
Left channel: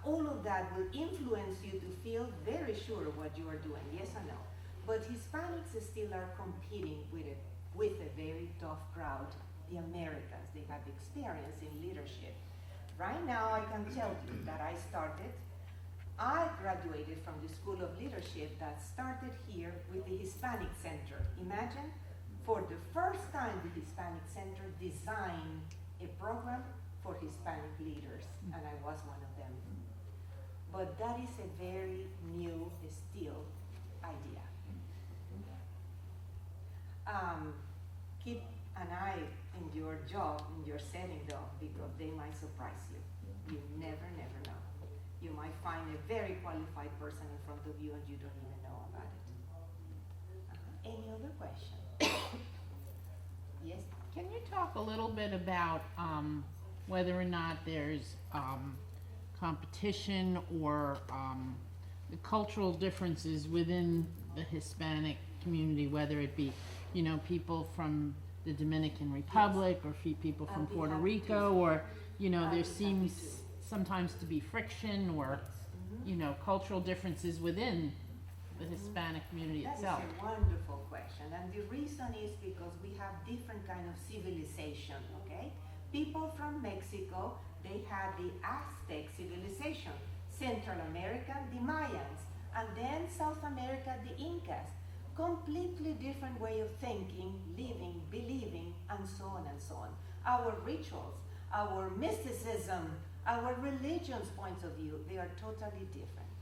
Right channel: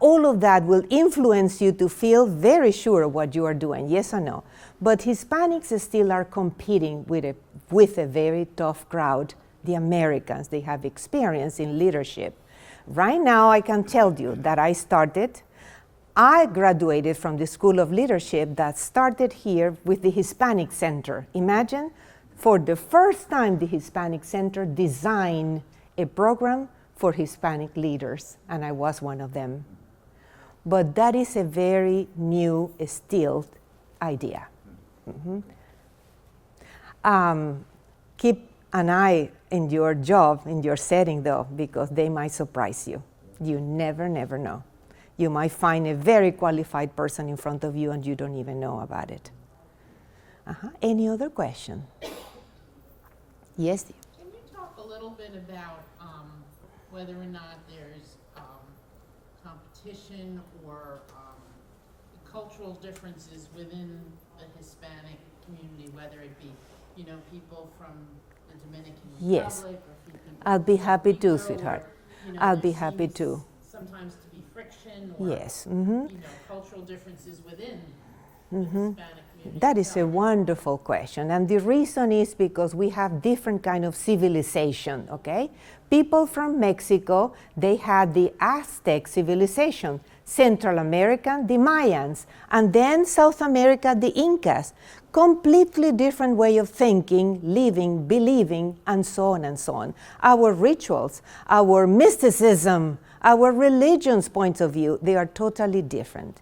all of that will influence you to feel very sure what you are doing, yes or no? But Hispanics still are competing with a very tough crowd, the Americans. They have experience in leadership. Right now, I can tell you that I graduated from the School of Leadership that started here with the Hispanic Center. Imagine, for the first time, the Hispanic Center designed a program for Hispanic leaders, and I was one of them. But that is a very new, still idea. Keep an eye in your job, in your setting, though, because they might surprise you. You never know. You might find a very qualified person in front of you and you don't even know about it. Any other question? Yes? Can you talk a little bit about whether or not there's competition or the cultural differences within the Hispanic community, whether it be, people from the Dominican Republic or people I'll from be Puerto happy to, Rico, sweetheart. or, I'll there be happy seems to. sometimes to be friction or, Yes. cultural differences within the Hispanic community That is a itself. wonderful question. And the reason is because we have different kind of civilization, okay? People from Mexico, they had the Aztec civilization. Central America, the Mayans. And then South America, the Incas. Completely different way of thinking, living, believing, and so on and so on. Our rituals, our mysticism, our religion's points of view, they are totally different.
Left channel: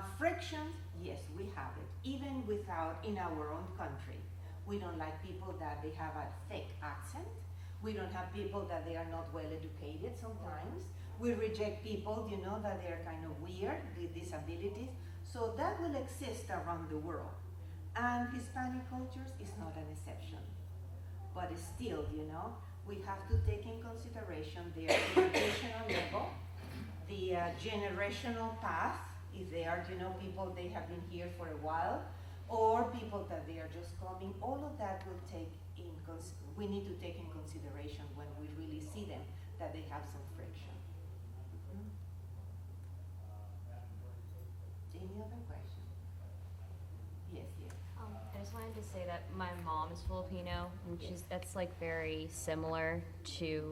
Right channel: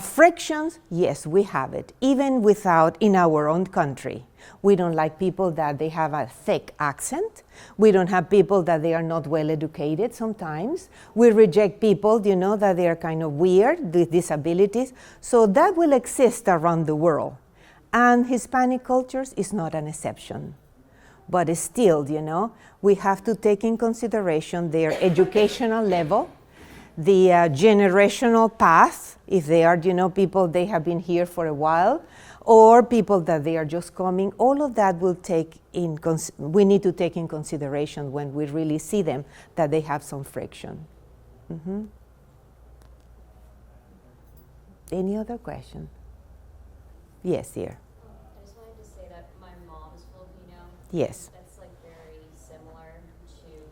Frictions, yes, we have it, even without in our own country. We don't like people that they have a thick accent. We don't have people that they are not well educated sometimes. We reject people, that they are kind of weird, with disabilities. So that will exist around the world. And Hispanic cultures is not an exception. But still, we have to take in consideration their educational level, the generational path, if they are, people they have been here for a while, or people that they are just coming. All of that will we need to take in consideration when we really see them, that they have some friction. Any other question? Yes, dear. I just wanted to say that my mom is Filipino. Yes. That's very similar to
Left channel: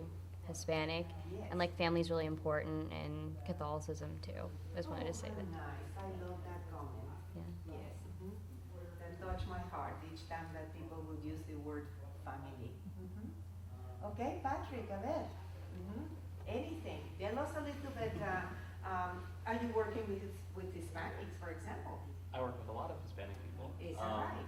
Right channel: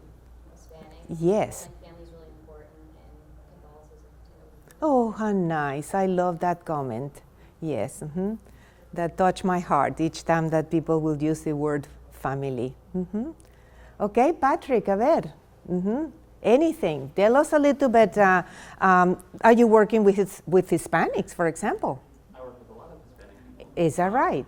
Hispanic. Yes. And like family is really important in Catholicism too. is what Oh, I how see. nice. I love that comment. Yes. That touched my heart each time that people will use the word family. Okay, Patrick, a ver. Anything. Tell us a little bit. Are you working with Hispanics, for example? I work with a lot of Hispanic people. Is that right?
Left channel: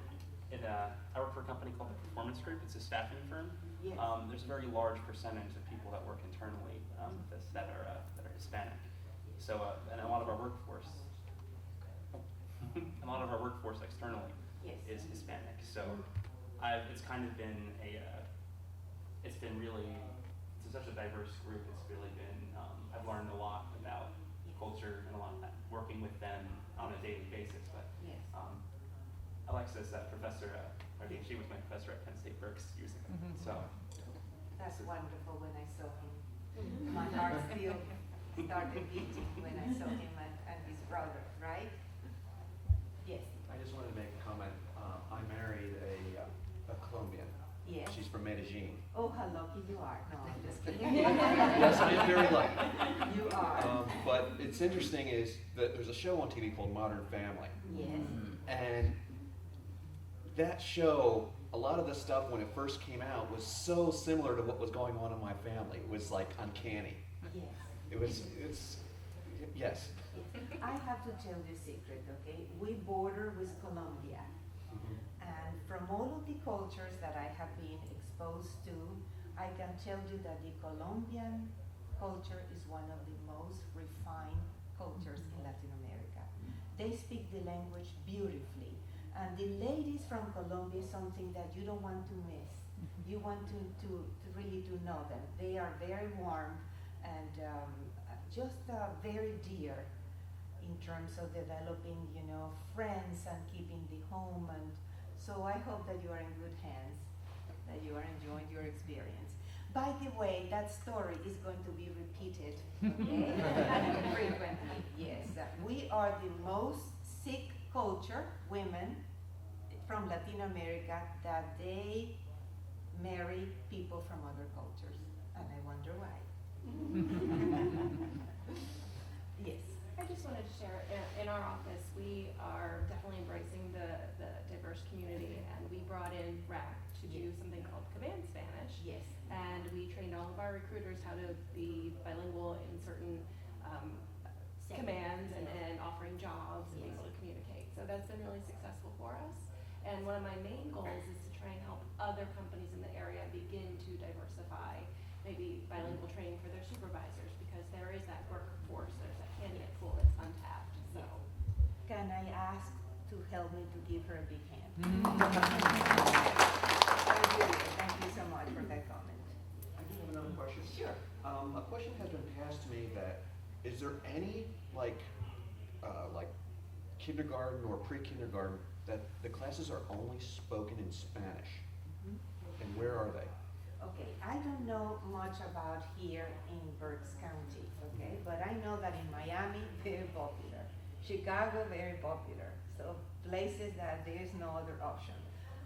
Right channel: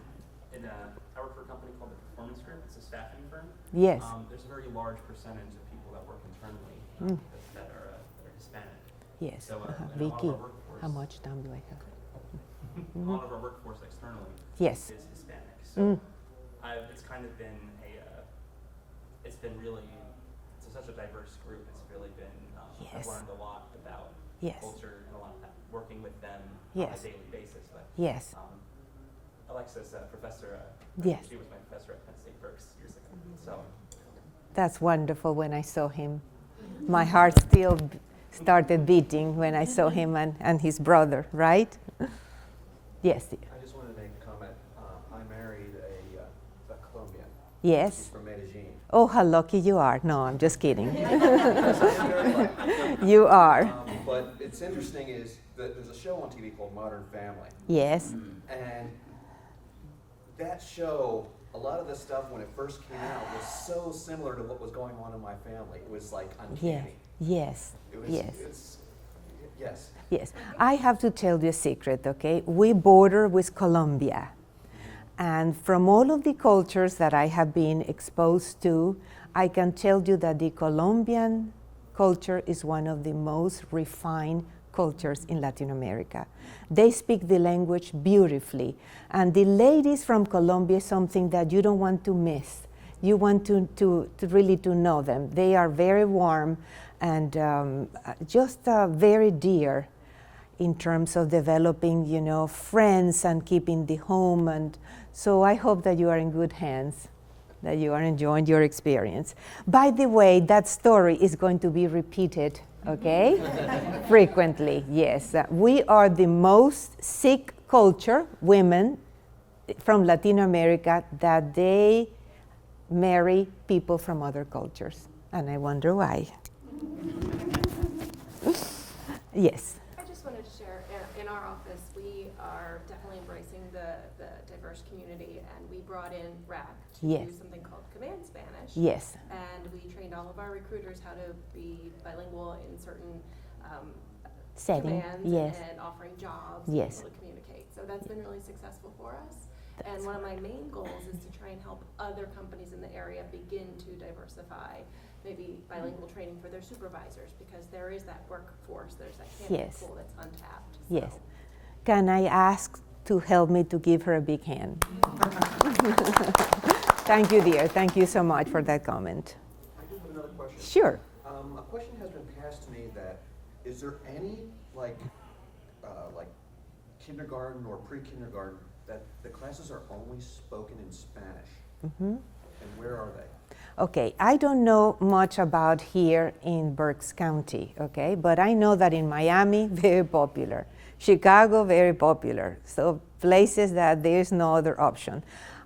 I work for a company called the Performance Group. It's a staffing firm. Yes. There's a very large percentage of people that work internally that are Hispanic. Yes. So and a lot Vicky, of our workforce, how much time do I have? a lot of our workforce externally Yes. is Hispanic. So it's kind of been it's been really, it's such a diverse group. It's really been, I've Yes. learned a lot about Yes. culture and a lot of working with them Yes. on a daily basis. But Yes. Alexis, professor, Yes. she was my professor at Penn State Berks years ago. So That's wonderful when I saw him. My heart still started beating when I saw him and his brother, right? Yes. I just wanted to make a comment. I married a Colombian. Yes. She's from Medellin. Oh, how lucky you are. No, I'm just kidding. Yes, I'm very lucky. You are. But it's interesting is that there's a show on TV called Modern Family. Yes. And that show, a lot of the stuff when it first came out was so similar to what was going on in my family. It was like Yes. uncanny. Yes. It was, Yes. yes. Yes. I have to tell you a secret, okay? We border with Colombia. And from all of the cultures that I have been exposed to, I can tell you that the Colombian culture is one of the most refined cultures in Latin America. They speak the language beautifully. And the ladies from Colombia is something that you don't want to miss. You want to really to know them. They are very warm and just very dear in terms of developing, you know, friends and keeping the home. And so I hope that you are in good hands, that you are enjoying your experience. By the way, that story is going to be repeated, okay? Frequently, yes. We are the most sick culture, women from Latin America, that they marry people from other cultures. And I wonder why. Yes. I just wanted to share, in our office, we are definitely embracing the diverse community, and we brought in RAC to Yes. do something called Command Spanish. Yes. And we trained all of our recruiters how to be bilingual in certain Setting. commands Yes. and offering jobs Yes. and able to communicate. So that's been really successful for us. And one of my main goals is to try and help other companies in the area begin to diversify maybe bilingual training for their supervisors, because there is that workforce, there's that candidate Yes. pool that's untapped. Yes. So. Can I ask to help me to give her a big hand? Thank you, dear. Thank you so much for that comment. I do have another question. Sure. A question has been passed to me that, is there any like kindergarten or pre-kindergarten that the classes are only spoken in Spanish? And where are they? Okay, I don't know much about here in Berks County, okay? But I know that in Miami, very popular. Chicago, very popular. So places that there's no other option.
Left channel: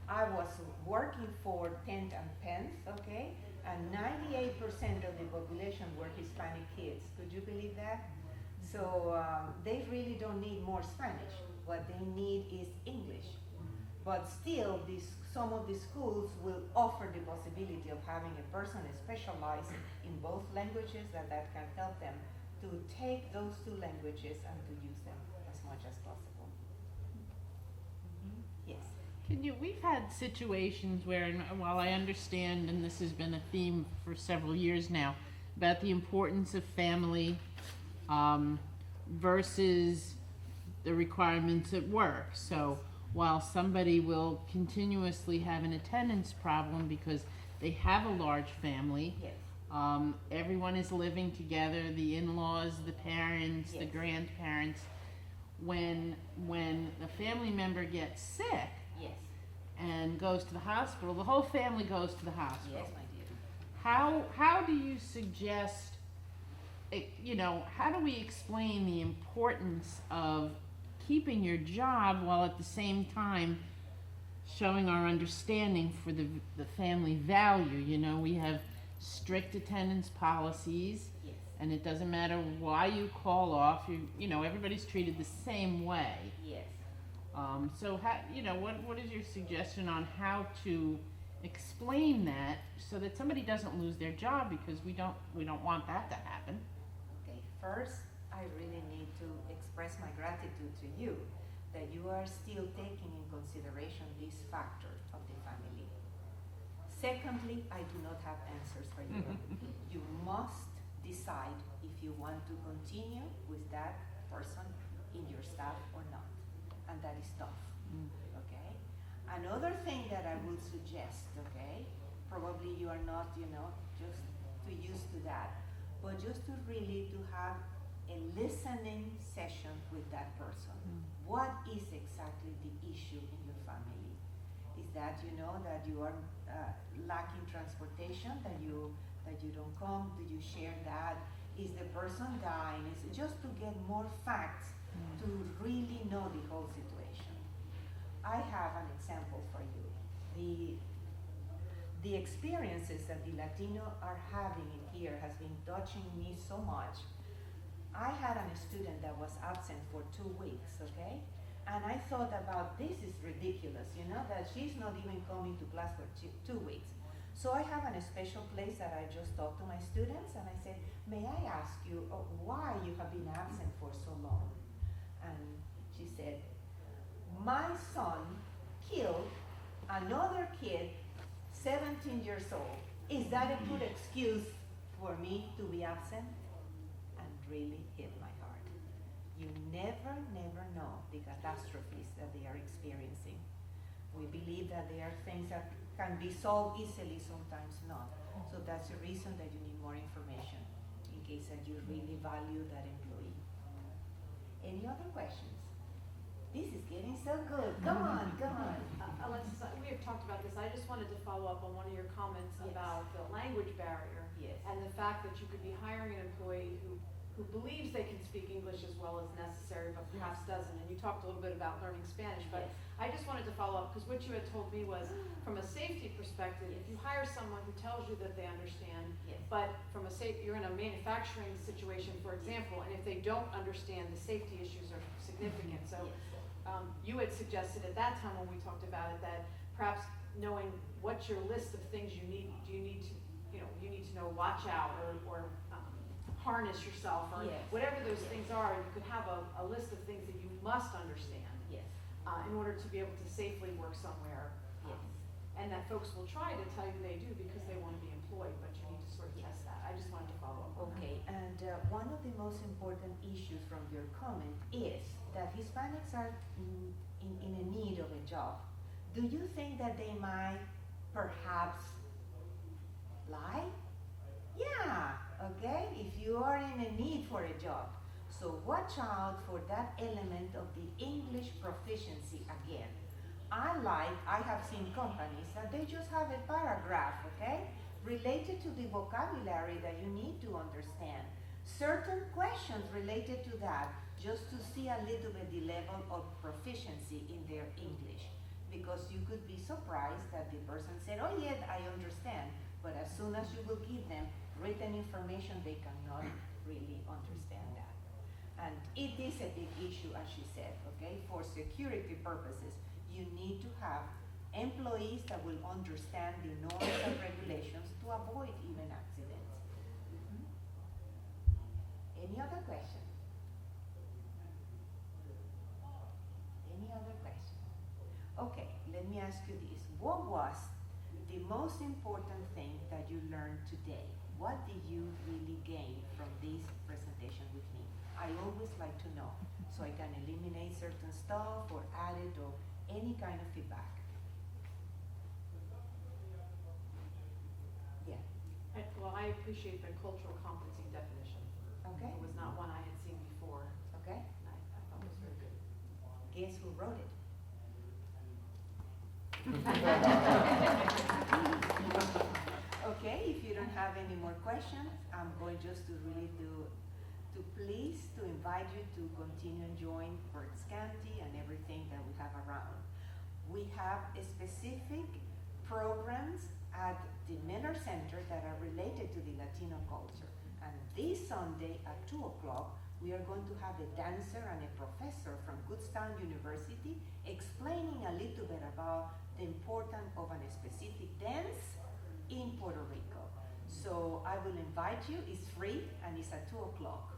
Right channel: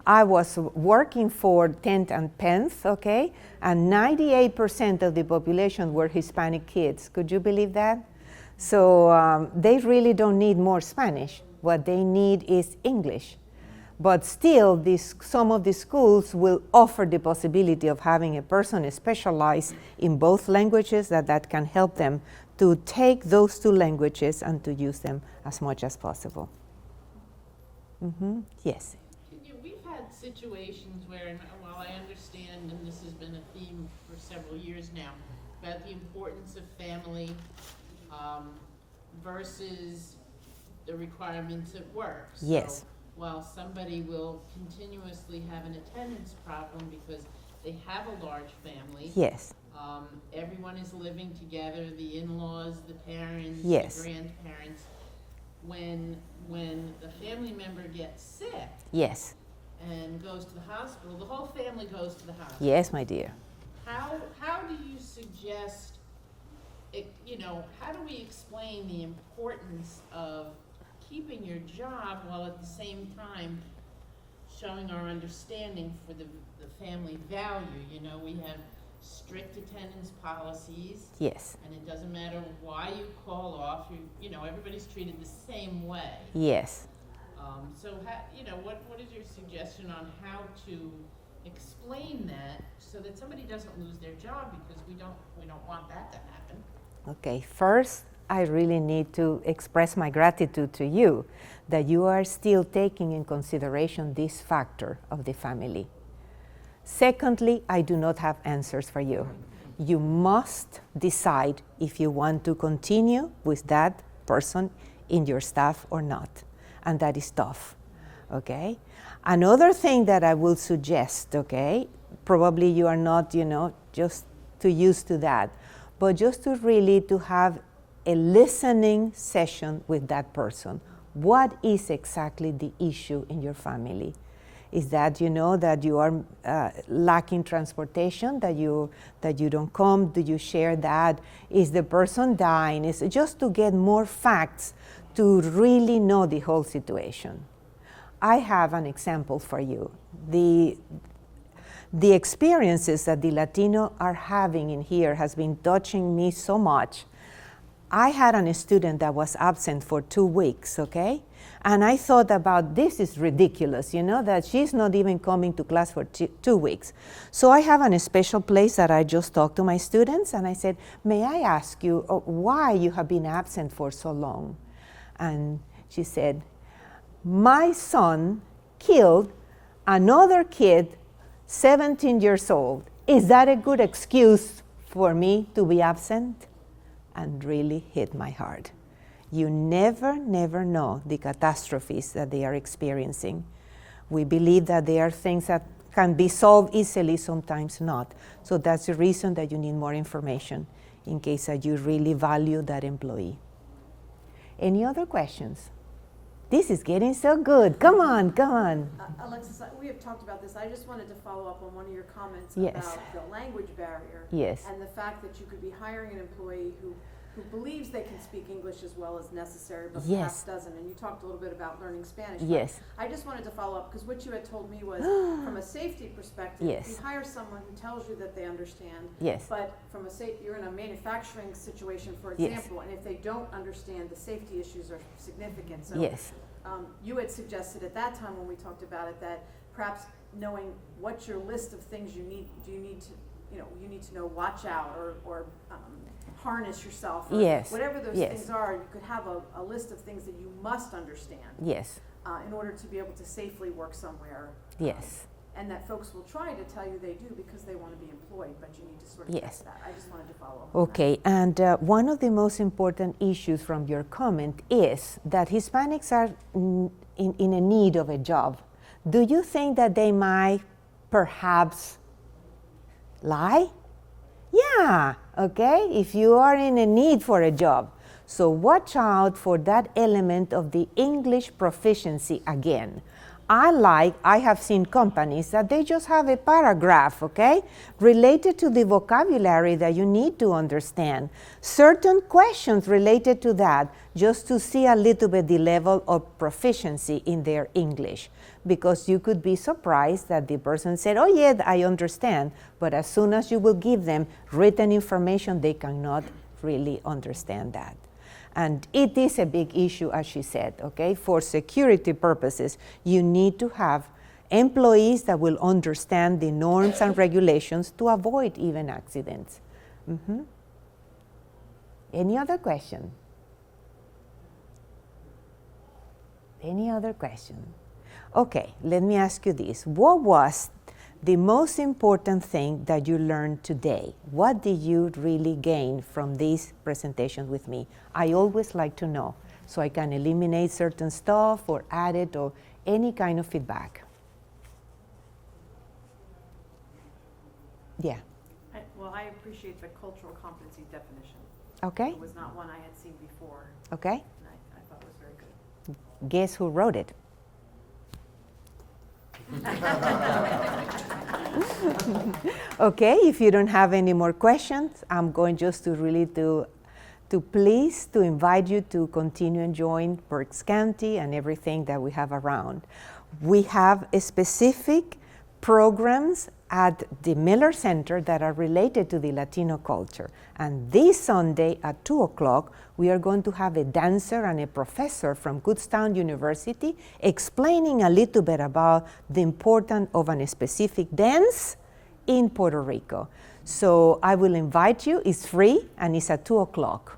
I was working for 10th and 10th, okay? And 98% of the population were Hispanic kids. Could you believe that? So they really don't need more Spanish. What they need is English. But still, some of the schools will offer the possibility of having a person specialized in both languages that can help them to take those two languages and to use them as much as possible. Yes. We've had situations where, and while I understand, and this has been a theme for several years now, about the importance of family versus the requirements at work. So Yes. while somebody will continuously have an attendance problem because they have a large family, Yes. everyone is living together, the in-laws, the parents, Yes. the grandparents. When the family member gets sick Yes. and goes to the hospital, the whole family goes to the hospital. Yes, my dear. How do you suggest, how do we explain the importance of keeping your job while at the same time showing our understanding for the family value? You know, we have strict attendance policies. Yes. And it doesn't matter why you call off, you know, everybody's treated the same way. Yes. So how, you know, what is your suggestion on how to explain that so that somebody doesn't lose their job, because we don't want that to happen. Okay, first, I really need to express my gratitude to you that you are still taking in consideration this factor of the family. Secondly, I do not have answers for you. You must decide if you want to continue with that person in your staff or not, and that is tough, okay? Another thing that I will suggest, okay, probably you are not, you know, just too used to that, but just to really to have a listening session with that person. What is exactly the issue in your family? Is that, you know, that you are lacking transportation, that you don't come? Do you share that? Is the person dying? Is just to get more facts to really know the whole situation. I have an example for you. The experiences that the Latino are having in here has been touching me so much. I had a student that was absent for 2 weeks, okay? And I thought about, this is ridiculous, you know, that she's not even coming to class for 2 weeks. So I have a special place that I just talked to my students, and I said, may I ask you why you have been absent for so long? And she said, my son killed another kid 17 years old. Is that a good excuse for me to be absent? And really hit my heart. You never know the catastrophes that they are experiencing. We believe that there are things that can be solved easily, sometimes not. So that's the reason that you need more information in case that you really value that employee. Any other questions? This is getting so good. Come on. Alexis, we have talked about this. I just wanted to follow up on one of your comments Yes. about the language barrier. Yes. And the fact that you could be hiring an employee who believes they can speak English as well as necessary, but Yes. perhaps doesn't. And you talked a little bit about learning Spanish. Yes. I just wanted to follow up because what you had told me was from a safety perspective, Yes. if you hire someone who tells you that they understand, Yes. but from a you're in a manufacturing situation, for Yes. example, and if they don't understand, the safety issues are significant. So Yes. you had suggested at that time when we talked about it that perhaps knowing what's your list of things you need to know, watch out or harness yourself, or Yes. whatever those Yes. things are. You could have a list of things that you must understand Yes. in order to be able to safely work somewhere. Yes. And that folks will try to tell you they do because they want to be employed, but you need to sort of Yes. test that. I just wanted to follow up. On Okay, and one of the most important issues from your comment is that Hispanics are in a need of a job. Do you think that they might perhaps lie? Yeah, okay, if you are in a need for a job. So watch out for that element of the English proficiency again. I have seen companies that they just have a paragraph, okay, related to the vocabulary that you need to understand. Certain questions related to that, just to see a little bit the level of proficiency in their English. Because you could be surprised that the person said, oh yeah, I understand, but as soon as you will give them written information, they cannot really understand that. And it is a big issue, as she said, okay? For security purposes, you need to have employees that will understand the norms and regulations to avoid even accidents. Mm-hmm. Any other question? Any other question? Okay, let me ask you this. What was the most important thing that you learned today? What did you really gain from this presentation with me? I always like to know, so I can eliminate certain stuff or add it or any kind of feedback. Yeah. I appreciate the cultural competency definition. Okay. It was not one I had seen before, Okay. and I thought it was very good. Guess who wrote it? Okay, if you don't have any more questions, I'm going just to really to invite you to continue enjoying Berks County and everything that we have around. We have specific programs at the Miller Center that are related to the Latino culture. And this Sunday at 2 o'clock, we are going to have a dancer and a professor from Kutztown University explaining a little bit about the importance of a specific dance in Puerto Rico. So I will invite you. It's free and it's at 2 o'clock.